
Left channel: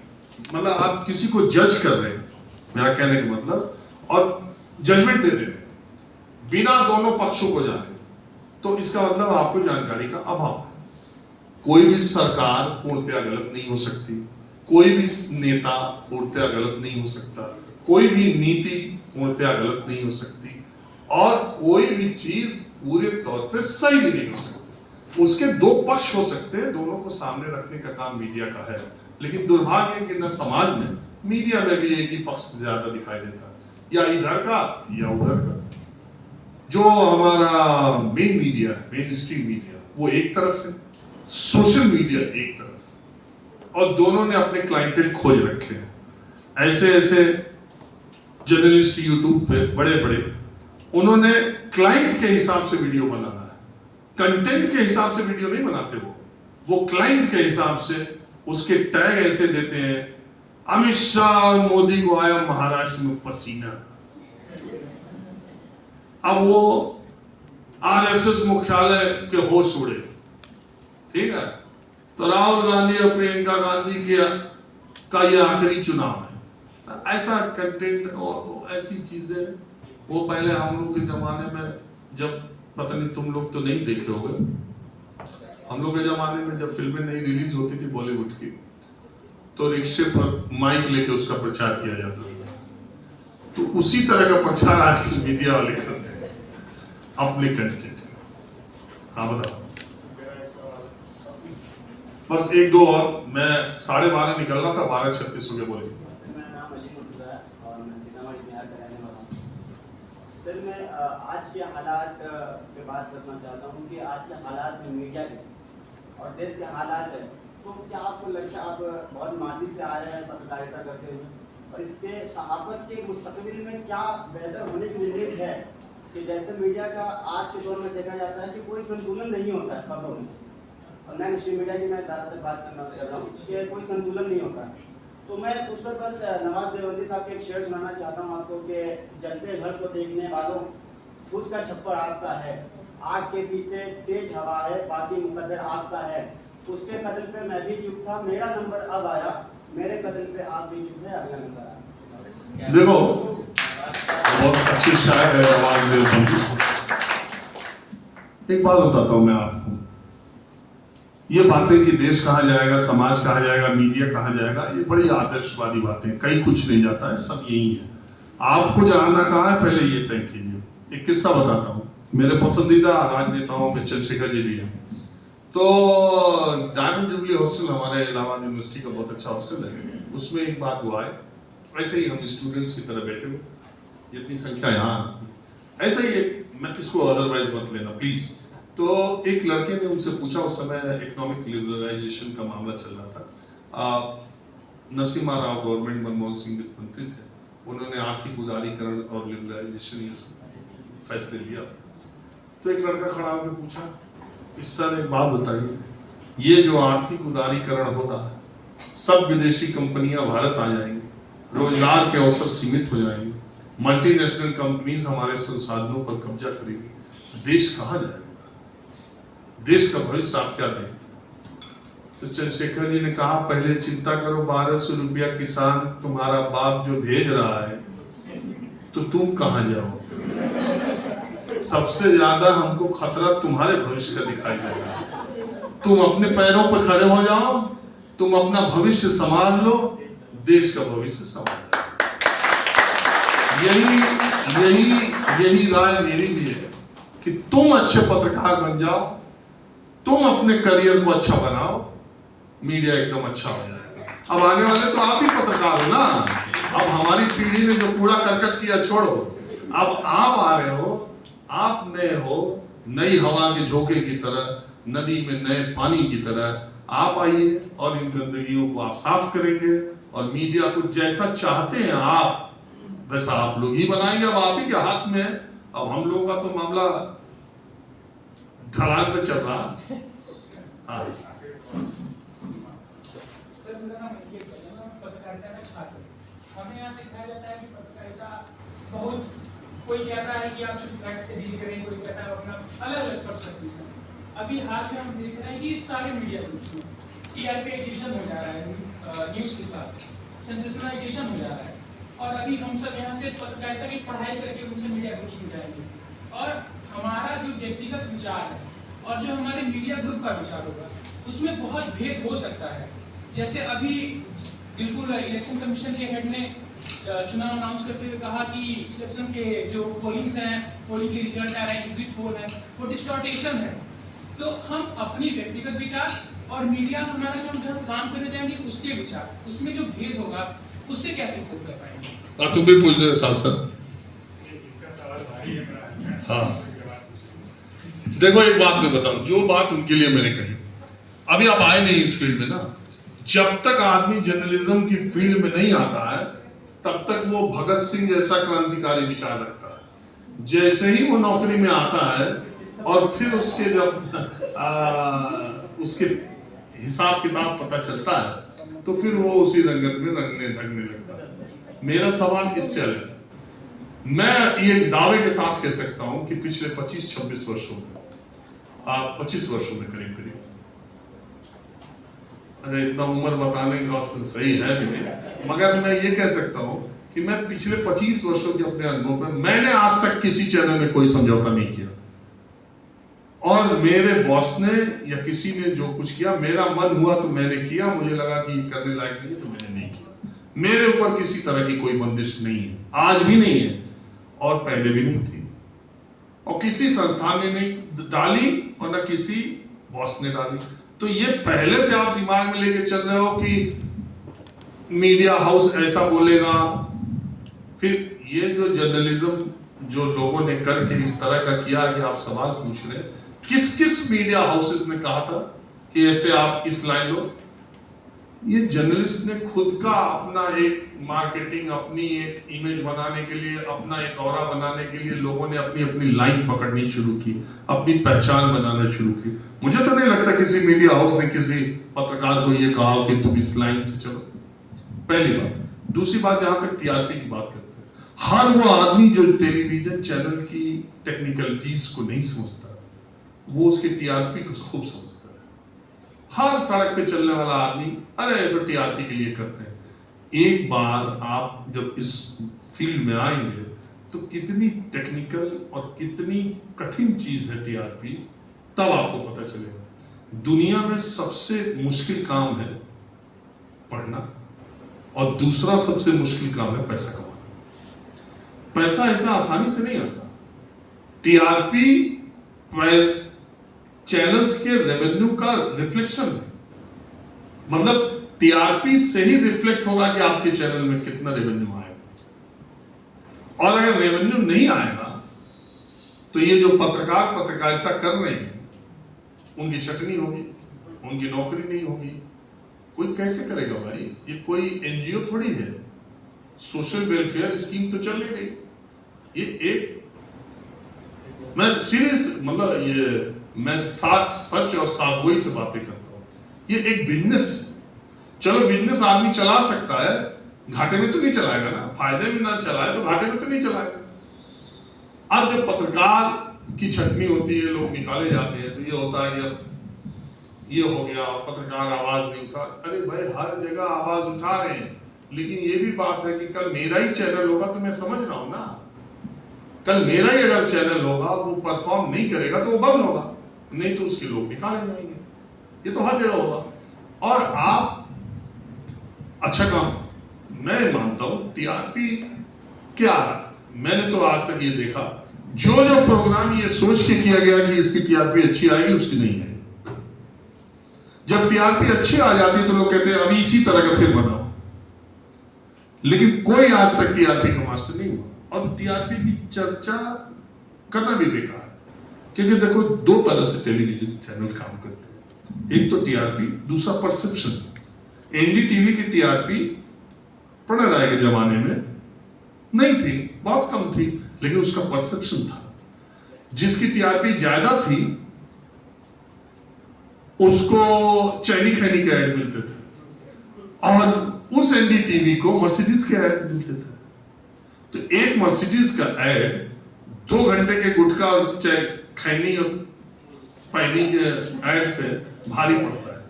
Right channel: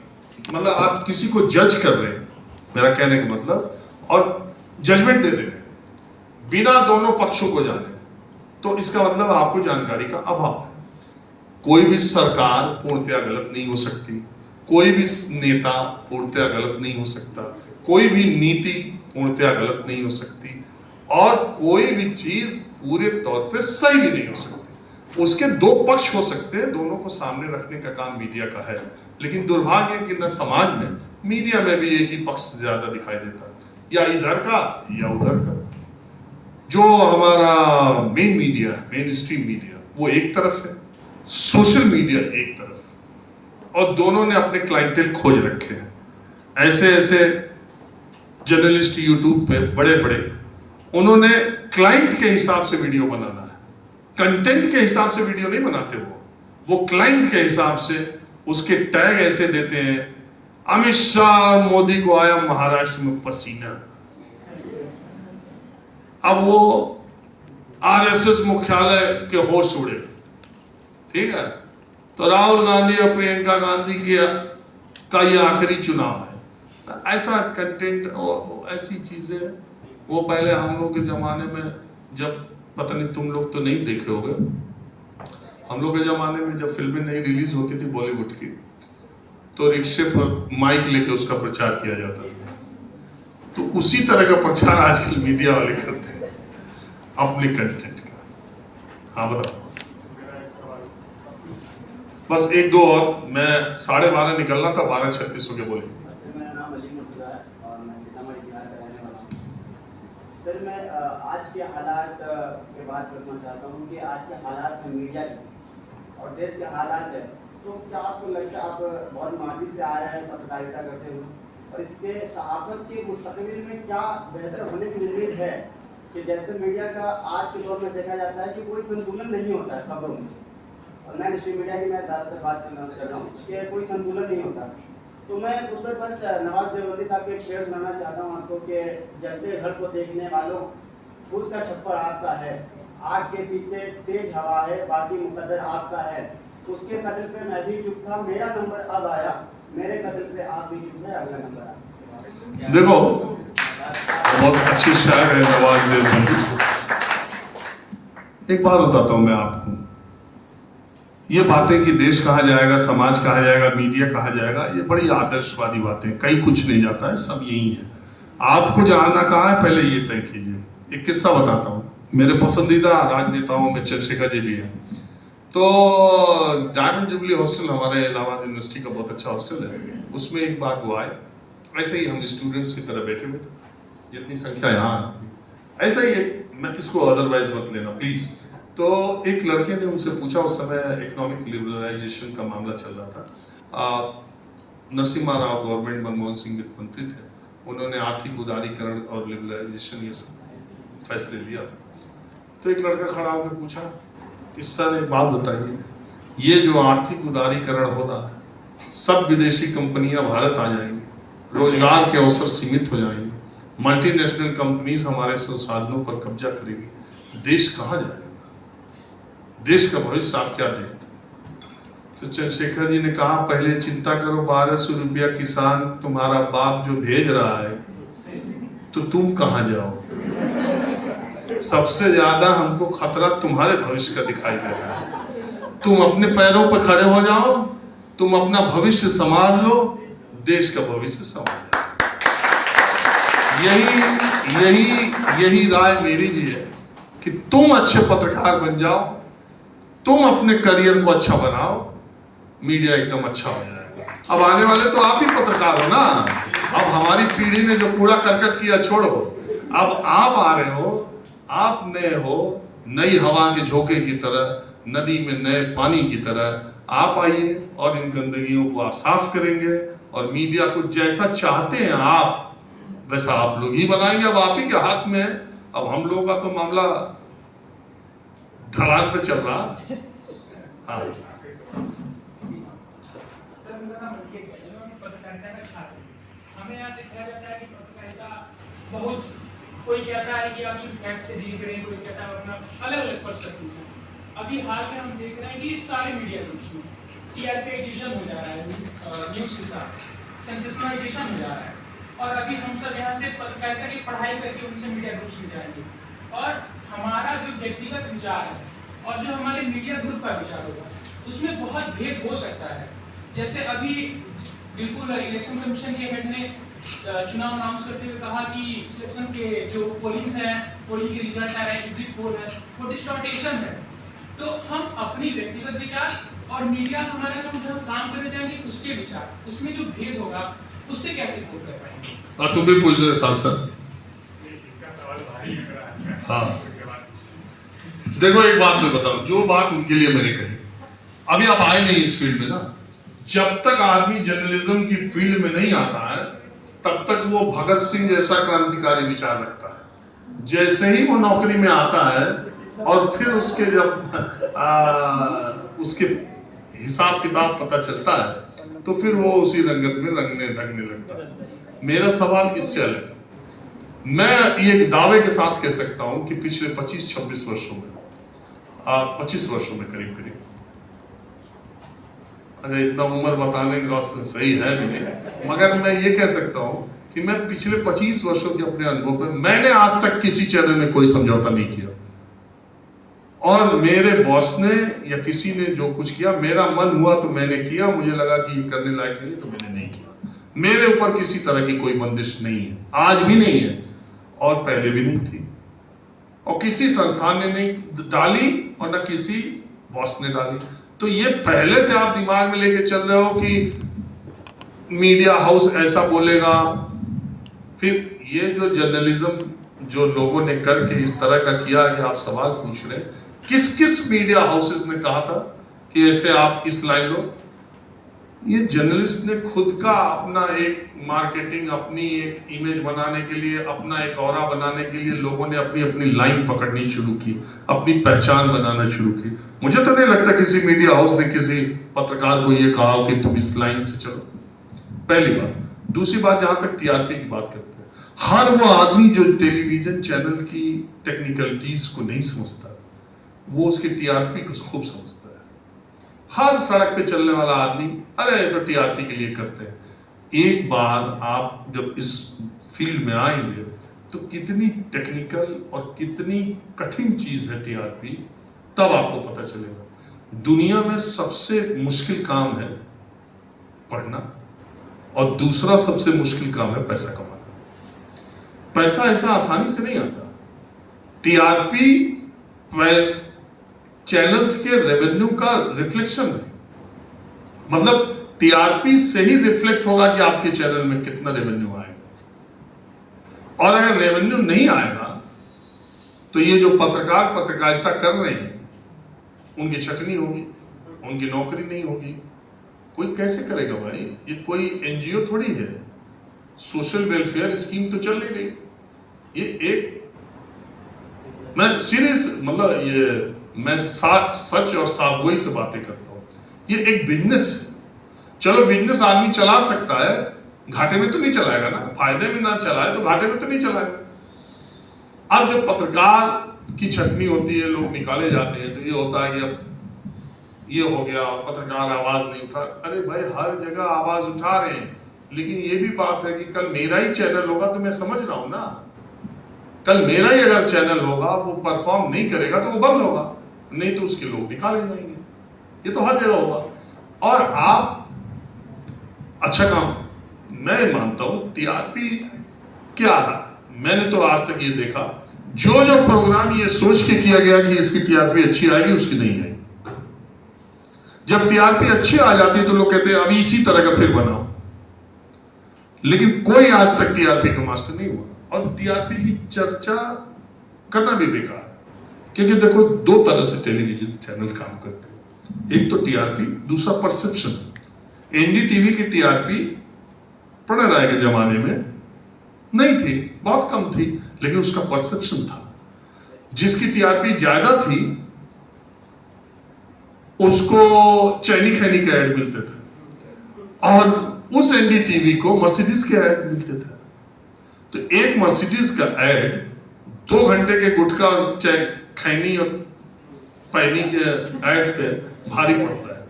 मतलब आप किसी को जज कर रहे हैं, मेरा कहने का मतलब, और जजमेंट दे दे रहे हैं बिना दोनों पक्षों को जाने, तो इसका मतलब आपको जानकारी का अभाव है। कोई भी सरकार पूर्णतया गलत नहीं हो सकती, कोई भी नेता पूर्णतया गलत नहीं हो सकता, कोई भी नीति पूर्णतया गलत नहीं हो सकती, और कोई भी चीज पूरे तौर पे सही भी नहीं हो सकती। उसके दो पक्ष हो सकते हैं, दोनों को सामने रखने का काम मीडिया का है। लेकिन दुर्भाग्य है कि न समाज में, मीडिया में भी एक ही पक्ष ज्यादा दिखाई देता है, या इधर का या उधर का। जो हमारा मेन मीडिया है, मेन स्ट्रीम मीडिया, वो एक तरफ है, सोशल मीडिया एक तरफ, और दोनों ने अपने क्लाइंटेल खोज रखे हैं। ऐसे ऐसे जर्नलिस्ट यूट्यूब पे बड़े बड़े, उन्होंने क्लाइंट के हिसाब से वीडियो बनाना है, कंटेंट के हिसाब से वीडियो नहीं बनाते। वो क्लाइंट के हिसाब से उसके टैग ऐसे देते हैं, अमित शाह मोदी को आया महाराष्ट्र में पसीना। अब वो आरएसएस मुख्यालय के होश उड़े, ठीक है, तो राहुल गांधी और प्रियंका गांधी का ये आखिरी चुनाव है। ऐसा कंटेंट और ऐसी चीजें, वो पहले हम लोग के जमाने में, जब पता नहीं तुम लोग तो नहीं देखे होगे, हम लोग के जमाने में जब फिल्में नई रिलीज होती थी बॉलीवुड की, तो रिक्शे पर माइक लेके उसका प्रचार किया जाता था। तो उसी तरह का प्रचार आजकल मीडिया वाले करते हैं अपने कंटेंट का। हाँ बताओ। बस एक दो और, मैं 12:30 निकलना था, 12:36 हो गया। बोलिए। मेरा नाम अली मुर्तज़ा है और मैं सीतामढ़ी बिहार का रहने वाला हूँ। सर मैं आज के हालात पे बात करना चाहता हूँ कि आज के हालात में मीडिया के और देश के हालात है, तो क्या आपको लगता है, आप बहुत माजी से आ रहे हैं पत्रकारिता करते हुए, और इसके सहाफत के मुस्तकबिल में क्या बेहतर होने की उम्मीद है? कि जैसे मीडिया का आज के दौर में देखा जाता है कि कोई संतुलन नहीं होता है खबरों में, और मैं स्ट्रीम मीडिया की मैं ज़्यादातर बात कर रहा हूँ कि कोई संतुलन नहीं होता। तो मैं उस पर बस नवाज देवबंदी साहब के एक शेर सुनाना चाहता हूँ आपको कि जलते घर को देखने वालों, फूस का छप्पर आपका है, आग के पीछे तेज हवा है, बाकी मुकद्दर आपका है। उसके कदम पे मैं भी चुप था, मेरा नंबर अब आया, मेरे कदम पे आप भी चुप है, अगला नंबर आप। देखो बहुत अच्छी शायर है आवाज देती। एक बात बताता हूं मैं आपको, ये बातें कि देश कहा जाएगा, समाज कहा जाएगा, मीडिया कहा जाएगा, ये बड़ी आदर्शवादी बातें, कहीं कुछ नहीं जाता है, सब यही है। आपको जाना कहाँ है पहले ये तय कीजिए। एक किस्सा बताता हूँ, मेरे पसंदीदा राजनेताओं में चंद्रशेखर जी भी हैं। तो डायमंड जुबली हॉस्टल हमारे इलाहाबाद यूनिवर्सिटी का बहुत अच्छा हॉस्टल है, उसमें एक बार वो आए, ऐसे ही हम स्टूडेंट्स की तरह बैठे हुए थे, जितनी संख्या यहाँ है ऐसे ही, मैं किसको अदरवाइज मत लेना प्लीज। तो एक लड़के ने उनसे पूछा, उस समय इकोनॉमिक लिबरलाइजेशन का मामला चल रहा था, नरसिम्हा राव गवर्नमेंट मनमोहन सिंह मंत्री थे, उन्होंने आर्थिक उदारीकरण और लिबरलाइजेशन ये फैसले लिया। तो एक लड़का खड़ा होकर पूछा, इस सर एक बात बताइए, ये जो आर्थिक उदारीकरण हो रहा है, सब विदेशी कंपनियां भारत आ जाएंगी, रोजगार के अवसर सीमित हो जाएंगे, मल्टीनेशनल कंपनीज हमारे संसाधनों पर कब्जा करेगी, देश कहाँ जाएगा, देश का भविष्य आप क्या देखते हैं? तो चंद्रशेखर जी ने कहा, पहले चिंता करो, 1200 रुपया किसान तुम्हारा बाप जो भेज रहा है, तो तुम कहाँ जाओ? सबसे ज्यादा हमको खतरा तुम्हारे भविष्य का दिखाई दे रहा है। तुम अपने पैरों पर खड़े हो जाओ, तुम अपना भविष्य संभाल लो, देश का भविष्य संभाल लो। यही राय मेरी भी है कि तुम अच्छे पत्रकार बन जाओ, तुम अपने करियर को अच्छा बनाओ, मीडिया एकदम अच्छा हो जाएगा। अब आने वाले तो आप ही पत्रकार हो ना, अब हमारी पीढ़ी ने जो कूड़ा करकट किया छोड़ो, अब आप आ रहे हो, आप नए हो, नई हवा के झोंके की तरह, नदी में नए पानी की तरह आप आइए और इन गंदगियों को आप साफ करेंगे, और मीडिया को जैसा चाहते हैं आप वैसा आप लोग ही बनाएंगे। अब आप ही के हाथ में है। अब हम लोगों का तो मामला ढलान पे चल रहा। हाँ। सर मेरा नाम रंजीत है, मैं पत्रकारिता का छात्र हूं। हमें यहाँ सिखाया जाता है कि पत्रकारिता बहुत, कोई कहता है कि आप सिर्फ फैक्ट से डील करें, कोई कहता है अपना अलग अलग पर्सपेक्टिव से। अभी हाल में हम देख रहे हैं कि सारे मीडिया ग्रुप्स में टीआरपीआइजेशन हो जा रहा है, न्यूज़ के साथ सेंसेशनलाइजेशन हो जा रहा है, और अभी हम सब यहाँ से पत्रकारिता की पढ़ाई करके उनसे मीडिया ग्रुप्स में जाएंगे, और हमारा जो व्यक्तिगत विचार है और जो हमारे मीडिया ग्रुप का विचार होगा उसमें बहुत भेद हो सकता है। जैसे अभी बिल्कुल इलेक्शन कमीशन के हेड ने चुनाव अनाउंस करते हुए कहा कि इलेक्शन के जो पोलिंग्स हैं, पोलिंग के रिजल्ट आ रहे हैं, एग्जिट पोल है, वो डिस्टॉर्टेशन है। तो हम अपनी व्यक्तिगत विचार और मीडिया हमारा जो काम करने जाएंगे उसके विचार, उसमें जो भेद होगा उससे कैसे कोप कर पाएंगे? तुम भी पूछ लो सांसद। हाँ देखो, एक बात मैं बताऊं, जो बात उनके लिए मैंने कही, अभी आप आए नहीं इस फील्ड में ना, जब तक आदमी जर्नलिज्म की फील्ड में नहीं आता है तब तक वो भगत सिंह जैसा क्रांतिकारी विचार रखता है। जैसे ही वो नौकरी में आता है और फिर उसके जब उसके हिसाब किताब पता चलता है तो फिर वो उसी रंगत में रंगने ढंगने लगता है। मेरा सवाल इससे अलग है। मैं ये दावे के साथ कह सकता हूं कि पिछले 25-26 वर्षों में 25 वर्षों में करीब करीब, अरे इतना उम्र बताने का सही है भी नहीं, मगर मैं ये कह सकता हूं कि मैं पिछले 25 वर्षों के अपने अनुभव में मैंने आज तक किसी चैनल में कोई समझौता नहीं किया, और मेरे बॉस ने या किसी ने जो कुछ किया, मेरा मन हुआ तो मैंने किया, मुझे लगा कि ये करने लायक नहीं तो मैंने नहीं किया। मेरे ऊपर किसी तरह की कोई बंदिश नहीं है, आज भी नहीं है और पहले भी नहीं थी, और किसी संस्थान ने नहीं डाली और न किसी बॉस ने डाली। तो ये पहले से आप दिमाग में लेके चल रहे हो कि मीडिया हाउस ऐसा बोलेगा, फिर ये जो जर्नलिज्म जो लोगों ने करके इस तरह का किया कि आप सवाल पूछ रहे हैं, किस किस मीडिया हाउसेस ने कहा था कि ऐसे आप इस लाइन लो? ये जर्नलिस्ट ने खुद का अपना एक मार्केटिंग, अपनी एक इमेज बनाने के लिए, अपना एक ऑरा बनाने के लिए लोगों ने अपनी अपनी लाइन पकड़नी शुरू की, अपनी पहचान बनाना शुरू की। मुझे तो नहीं लगता किसी मीडिया हाउस ने किसी पत्रकार को ये कहा कि तुम इस लाइन से चलो, पहली बात। दूसरी बात, जहां तक टीआरपी की बात करते हैं, हर वो आदमी जो टेलीविजन चैनल की टेक्निकलिटीज को नहीं समझता, वो उसकी टीआरपी को खूब समझता है। हर सड़क पे चलने वाला आदमी अरे ये तो टीआरपी के लिए करते हैं। एक बार आप जब इस फील्ड में आएंगे तो कितनी टेक्निकल और कितनी कठिन चीज है टीआरपी, तब आपको पता चलेगा। दुनिया में सबसे मुश्किल काम है पढ़ना और दूसरा सबसे मुश्किल काम है पैसा कमाना। पैसा ऐसा आसानी से नहीं आता। टीआरपी चैनल्स के रेवेन्यू का रिफ्लेक्शन है, मतलब टीआरपी से ही रिफ्लेक्ट होगा कि आपके चैनल में कितना रेवेन्यू आएगा। और अगर रेवेन्यू नहीं आएगा तो ये जो पत्रकारिता कर रहे हैं उनकी छटनी होगी, उनकी नौकरी नहीं होगी। कोई कैसे करेगा भाई? ये कोई एनजीओ थोड़ी है, सोशल वेलफेयर स्कीम तो चल नहीं रही। ये एक मैं सीरियस मतलब ये मैं सच और साफगोई से बातें करता हूं। ये एक बिजनेस है। चलो बिजनेस आदमी चला सकता है, घाटे में तो नहीं चलाएगा ना, फायदे में ना चलाए तो घाटे में तो नहीं चलाएगा। अब जब पत्रकार की छटनी होती है, लोग निकाले जाते हैं, तो ये होता है कि अब ये हो गया, पत्रकार आवाज नहीं उठा। अरे भाई हर जगह आवाज उठा रहे हैं, लेकिन ये भी बात है कि कल मेरा ही चैनल होगा तो मैं समझ रहा हूं ना, कल मेरा ही अगर चैनल होगा वो परफॉर्म नहीं करेगा तो वो बंद होगा, नहीं तो उसके लोग निकाले जाएंगे। ये तो हर जगह होगा। और आप अच्छा काम मैं मानता हूं टीआरपी क्या है, मैंने तो आज तक ये देखा जो प्रोग्राम ये सोच के किया गया कि इसकी टीआरपी अच्छी आएगी, उसकी नहीं आई। जब टीआरपी अच्छी आ जाती है तो लोग कहते हैं अभी इसी तरह का फिर बनाओ, लेकिन कोई आज तक टीआरपी का मास्टर नहीं हुआ। और टीआरपी की चर्चा करना भी बेकार, क्योंकि देखो दो तरह से टेलीविजन चैनल काम करते हैं, एक तो टीआरपी, दूसरा परसेप्शन। एनडीटीवी की टीआरपी प्रणय राय के जमाने में नहीं थी, बहुत कम थी, लेकिन उसका परसेप्शन था। जिसकी टीआरपी ज्यादा थी उसको चैनी खैनी के ऐड मिलते थे और उस एनडीटीवी को मर्सिडीज के ऐड मिलते थे। तो एक मर्सिडीज का ऐड 2 घंटे के गुटखा और खैनी और पैनी के ऐड पे भारी पड़ता है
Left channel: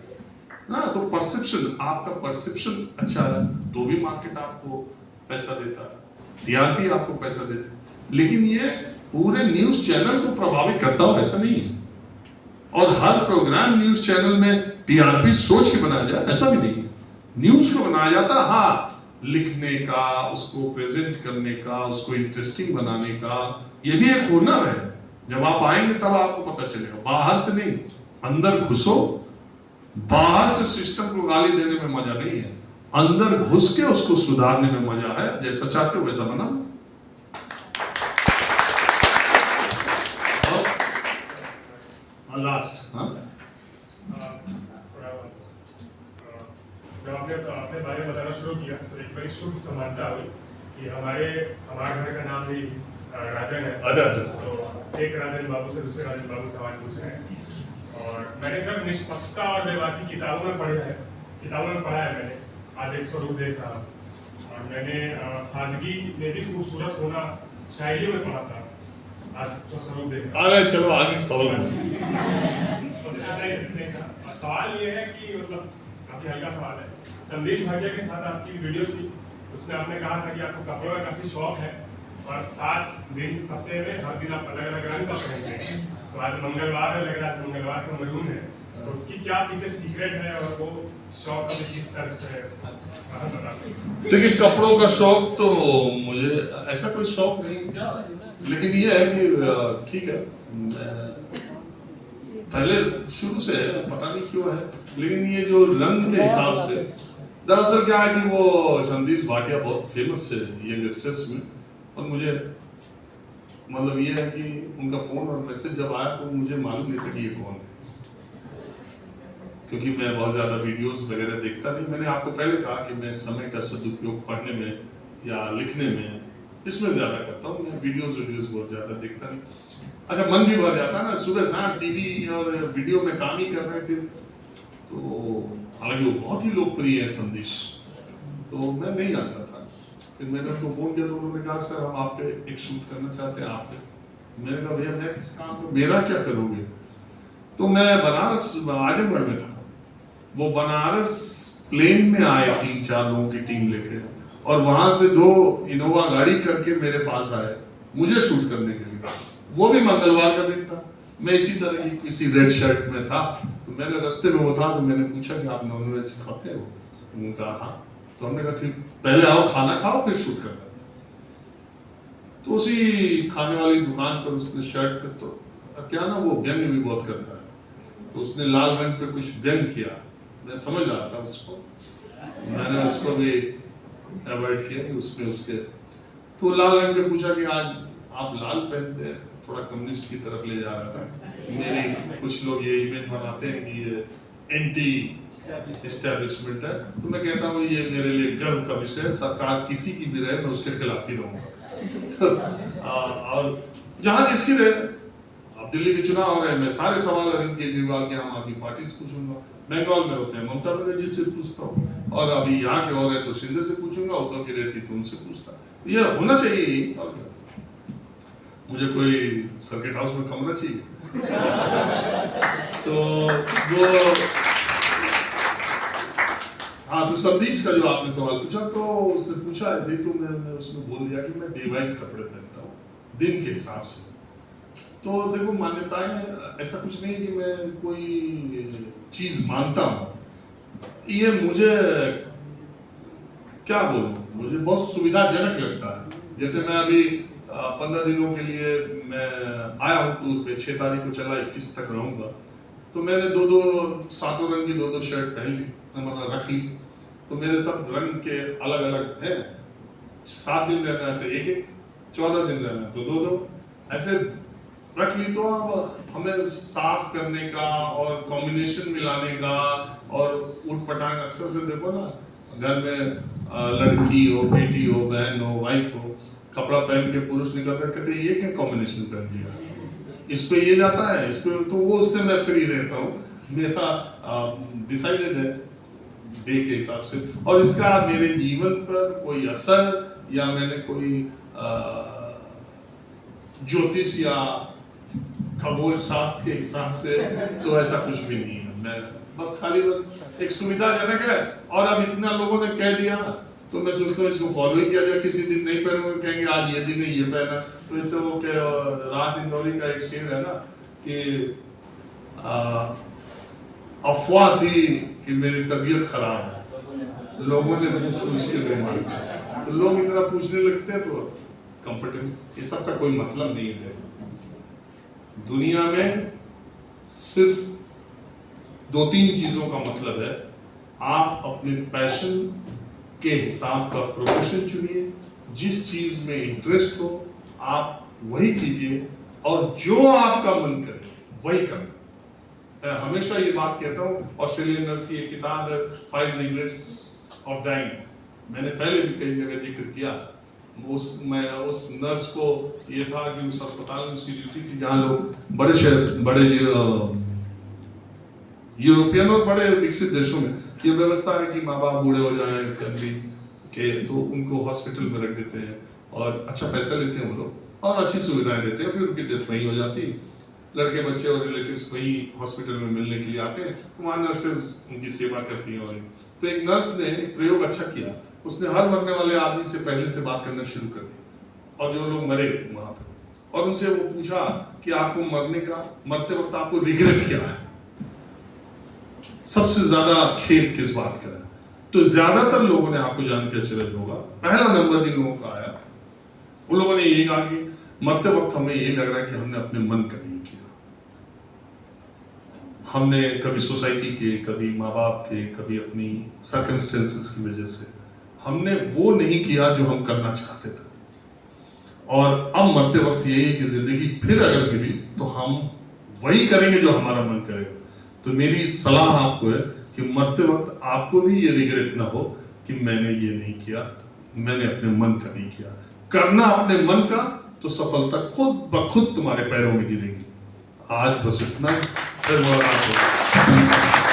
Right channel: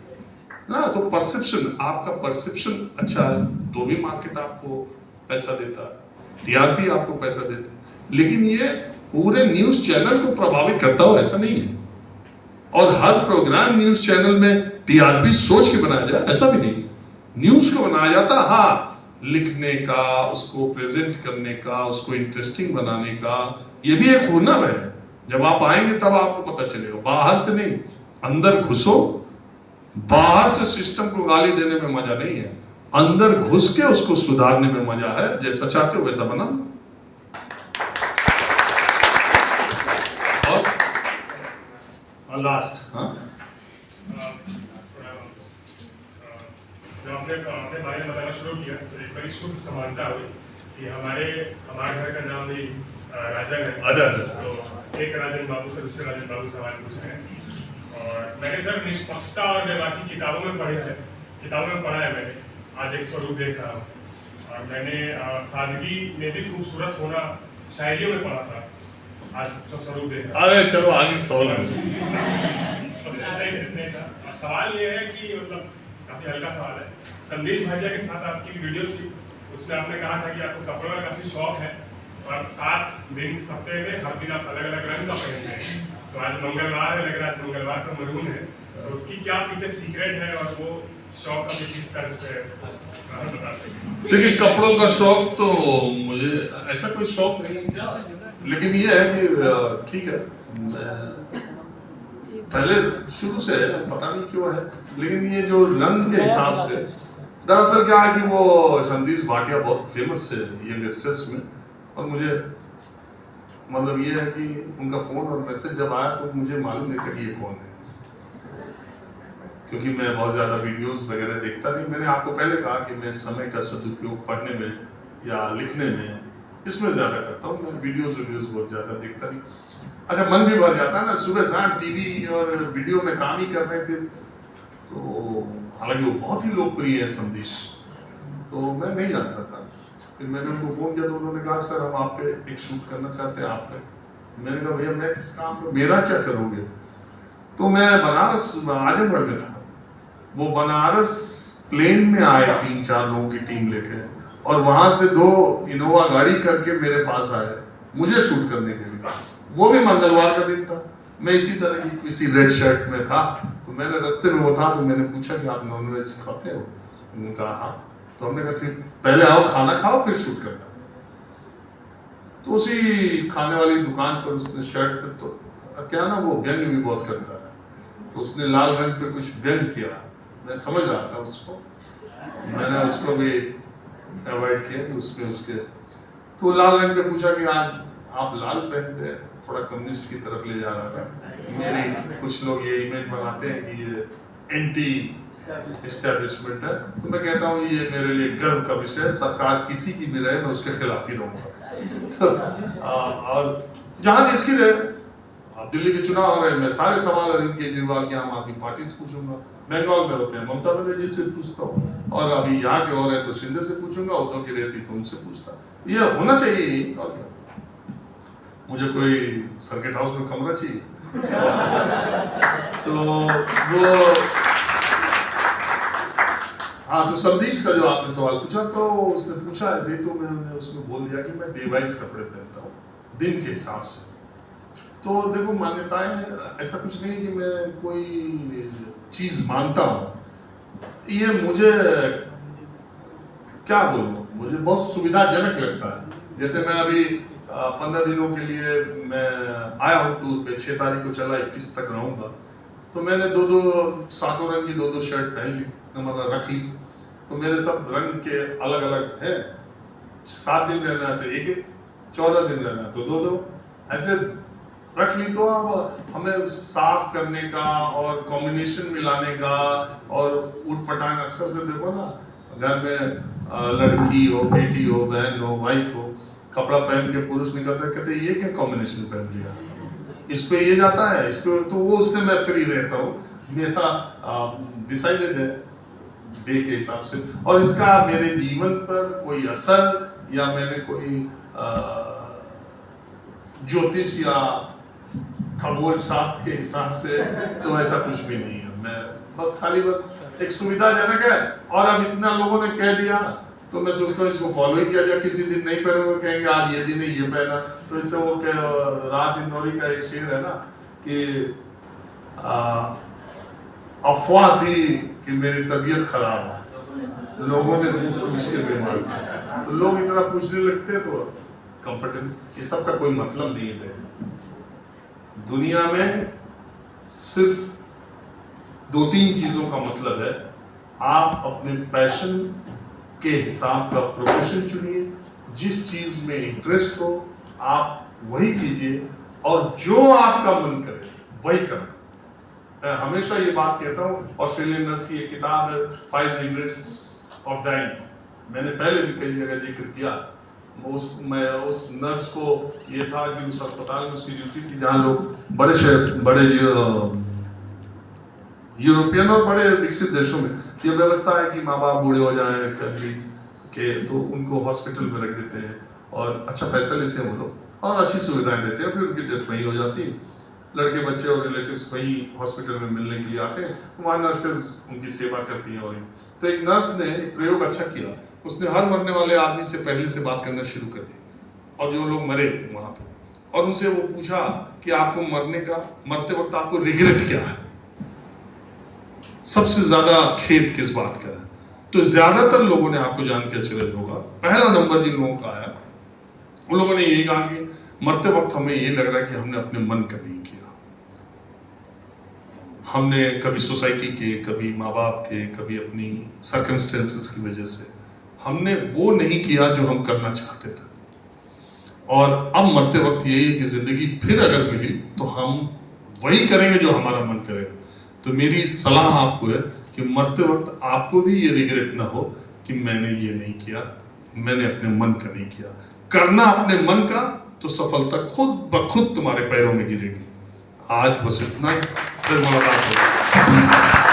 ना। तो परसेप्शन, आपका परसेप्शन अच्छा है तो भी मार्केट आपको पैसा देता है, टीआरपी आपको पैसा देता है। लेकिन ये पूरे न्यूज चैनल को प्रभावित करता हो ऐसा नहीं है। और हर प्रोग्राम न्यूज चैनल में टीआरपी सोच के बनाया जाए ऐसा भी नहीं है। न्यूज को बनाया जाता है हाँ, लिखने का, उसको प्रेजेंट करने का, उसको इंटरेस्टिंग बनाने का, ये भी एक हुनर है। जब आप आएंगे तब आपको पता चलेगा, बाहर से नहीं, अंदर घुसो। बाहर से सिस्टम को गाली देने में मजा नहीं है, अंदर घुस के उसको सुधारने में मजा है। जैसा चाहते हो वैसा बना। और लास्ट जब आपने अपने बारे में बताना शुरू किया तो एक बड़ी शुभ समानता हुई कि हमारे घर का नाम भी राजन है। अच्छा। तो एक राजन बाबू से दूसरे राजन बाबू सवाल पूछ रहे हैं। और मैंने सर निष्पक्षता और व्यवहार किताबों में पढ़ा है मैंने, आज एक स्वरूप देख रहा हूँ। और मैंने सादगी में भी खूबसूरत होना शायरियों में पढ़ा था, आज स्वरूप देख रहा हूँ। अरे चलो आगे सवाल सवाल ये है कि मतलब काफी हल्का सवाल है। संदेश भाटिया के साथ आपकी वीडियो थी, उसमें आपने कहा था कि आपको कपड़ों का काफी शौक है और 7 दिन सप्ताह में हर दिन आप अलग अलग रंग का पहनते हैं। तो आज मंगलवार है, लग रहा है मंगलवार का मरून है, तो उसकी क्या पीछे सीक्रेट है और वो शौक अभी किस तरह से है, बता सकते? देखिए कपड़ों का शौक तो मुझे ऐसा कोई शौक नहीं क्या, लेकिन ये है कि ठीक है, पहले शुरू से है, पता नहीं क्यों है, लेकिन ये जो रंग के हिसाब से दरअसल क्या है कि वो संदेश भाटिया बहुत फेमस है यंगस्टर्स में। और मुझे मतलब ये है कि उनका फोन और मैसेज जब आया तो मुझे मालूम नहीं था कि ये कौन है, क्योंकि मैं बहुत ज्यादा वीडियोस वगैरह देखता नहीं। मैंने आपको पहले कहा कि मैं समय का सदुपयोग पढ़ने में या लिखने में इसमें ज्यादा करता हूँ, मैं वीडियोस बहुत ज्यादा देखता नहीं। अच्छा मन भी भर जाता है ना, सुबह शाम टीवी और वीडियो में काम ही कर रहे हैं। फिर तो हालांकि वो बहुत ही लोकप्रिय है संदेश, तो मैं नहीं जानता था। फिर मैंने उनको फोन किया तो उन्होंने कहा सर हम आप पे एक शूट करना चाहते हैं आप पे। मैंने कहा भैया मैं किस काम पे, मेरा क्या करोगे? तो मैं बनारस आजमगढ़ में था, वो बनारस प्लेन में आए 3-4 लोगों की टीम लेके, और वहां से 2 इनोवा गाड़ी करके मेरे पास आए मुझे शूट करने के लिए। वो भी मंगलवार का दिन था, मैं इसी तरह की किसी रेड शर्ट में था, तो मैंने रास्ते में वो था, तो मैंने पूछा कि आप नॉनवेज खाते हो? उन्होंने कहा हाँ। तो हमने कहा ठीक, पहले आओ खाना खाओ फिर शूट करना। तो उसी खाने वाली दुकान पर उसने शर्ट पे, तो क्या ना वो व्यंग भी बहुत करता है, तो उसने लाल रंग पे कुछ व्यंग किया। मैं समझ रहा था उसको, मैंने उसको भी अवॉइड किया कि उसमें उसके, तो लाल रंग पे पूछा कि आज आप लाल पहनते हैं, थोड़ा कम्युनिस्ट की तरफ ले जा रहा था। मेरे कुछ लोग ये इमेज बनाते हैं कि ये एंटी एस्टेब्लिशमेंट है, तो मैं कहता हूँ ये मेरे लिए गर्व का विषय है, सरकार किसी की भी रहे मैं उसके खिलाफ ही रहूंगा। तो और जहां जिसकी रहे, अब दिल्ली के चुनाव हो रहे हैं, मैं सारे सवाल अरविंद केजरीवाल की आम आदमी पार्टी से पूछूंगा, बंगाल में होते हैं ममता बनर्जी से पूछता हूँ, और अभी यहाँ के हो रहे तो शिंदे से पूछूंगा, उद्धव की रहती तो उनसे पूछता। ये होना चाहिए, और क्या, मुझे कोई सर्किट हाउस में कमरा चाहिए। तो वो हाँ, तो संदेश का जो आपने सवाल पूछा, तो उसने पूछा ऐसे ही, तो मैंने उसमें बोल दिया कि मैं डिवाइस कपड़े पहनता हूँ दिन के हिसाब से। तो देखो मान्यताएं, ऐसा कुछ नहीं कि मैं कोई चीज मानता हूँ, ये मुझे क्या बोलूं, मुझे बहुत सुविधाजनक लगता है। जैसे मैं अभी 15 दिनों के लिए मैं आया हूँ टूर पे, 6 तारीख को चला, 21 तक रहूंगा, तो मैंने 2-2 सातों रंग की 2-2 शर्ट पहन ली, मतलब रख ली। तो मेरे सब रंग के अलग अलग है, 7 दिन रहना है तो 1-1, 14 दिन रहना है तो 2-2, ऐसे रख ली। तो अब हमें साफ करने का और कॉम्बिनेशन मिलाने का, और उठ पटांग अक्सर से देखो ना, घर में लड़की हो, बेटी हो, बहन हो, वाइफ हो, कपड़ा पहन के पुरुष निकलता है, कहते ये क्या कॉम्बिनेशन पहन लिया, इस पे ये जाता है, इस पे, तो वो उससे मैं फ्री रहता हूँ, मेरा डिसाइडेड है डे के हिसाब से। और इसका मेरे जीवन पर कोई असर या मैंने कोई ज्योतिष या खगोल शास्त्र के हिसाब से तो ऐसा कुछ भी नहीं है। मैं बस खाली बस एक सुविधाजनक है, और अब इतना लोगों ने कह दिया तो मैं सोचता हूँ इसको फॉलो ही किया जाए। किसी दिन नहीं पहनोगे कहेंगे आज ये दिन है ये पहना, तो इससे वो राहत इंदौरी का एक शेर है ना कि अफवाह थी कि मेरी तबीयत खराब है, लोगों ने पूछ के बीमार, तो लोग इतना पूछने लगते हैं तो कंफर्टेबल, ये सब का कोई मतलब नहीं है। दुनिया में सिर्फ 2-3 चीजों का मतलब है, आप अपने पैशन के हिसाब का प्रोफेशन चुनिए, जिस चीज में इंटरेस्ट हो आप वही कीजिए, और जो आपका मन करे वही करें। मैं हमेशा ये बात कहता हूँ, ऑस्ट्रेलियन नर्स की एक किताब है 5 Regrets of Dying, मैंने पहले भी कई जगह जिक्र किया। उस नर्स को ये था कि उस अस्पताल में उसकी ड्यूटी थी जहाँ लोग बड़े यूरोपियन और बड़े विकसित देशों में ये व्यवस्था है कि माँ बाप बूढ़े हो जाएं फैमिली के, तो उनको हॉस्पिटल में रख देते हैं और अच्छा पैसा लेते हैं वो लोग और अच्छी सुविधाएं देते हैं, फिर उनकी डेथ वहीं हो जाती है। लड़के बच्चे और रिलेटिव्स वहीं हॉस्पिटल में मिलने के लिए आते हैं, तो वहाँ नर्सेज उनकी सेवा करती हैं। और तो एक नर्स ने एक प्रयोग अच्छा किया, उसने हर मरने वाले आदमी से पहले से बात करना शुरू कर दी, और जो लोग मरे वहां पे, और उनसे वो पूछा कि आपको मरते वक्त आपको रिग्रेट क्या है, सबसे ज्यादा खेद किस बात का है। तो ज्यादातर लोगों ने, आपको जान के आश्चर्य होगा, पहला नंबर जिन लोगों का आया उन लोगों ने यही कहा कि मरते वक्त हमें ये लग रहा है कि हमने अपने मन का नहीं किया, हमने कभी सोसाइटी के, कभी माँ बाप के, कभी अपनी सर्कमस्टेंसेस की वजह से हमने वो नहीं किया जो हम करना चाहते थे। और अब मरते वक्त यही है कि जिंदगी फिर अगर मिली तो हम वही करेंगे जो हमारा मन करेगा। तो मेरी सलाह आपको है कि मरते वक्त आपको भी ये रिग्रेट ना हो कि मैंने ये नहीं किया, मैंने अपने मन का नहीं किया। करना अपने मन का तो सफलता खुद ब खुद तुम्हारे पैरों में गिरेगी। आज बस इतना ही, फिर मुलाकात होगी।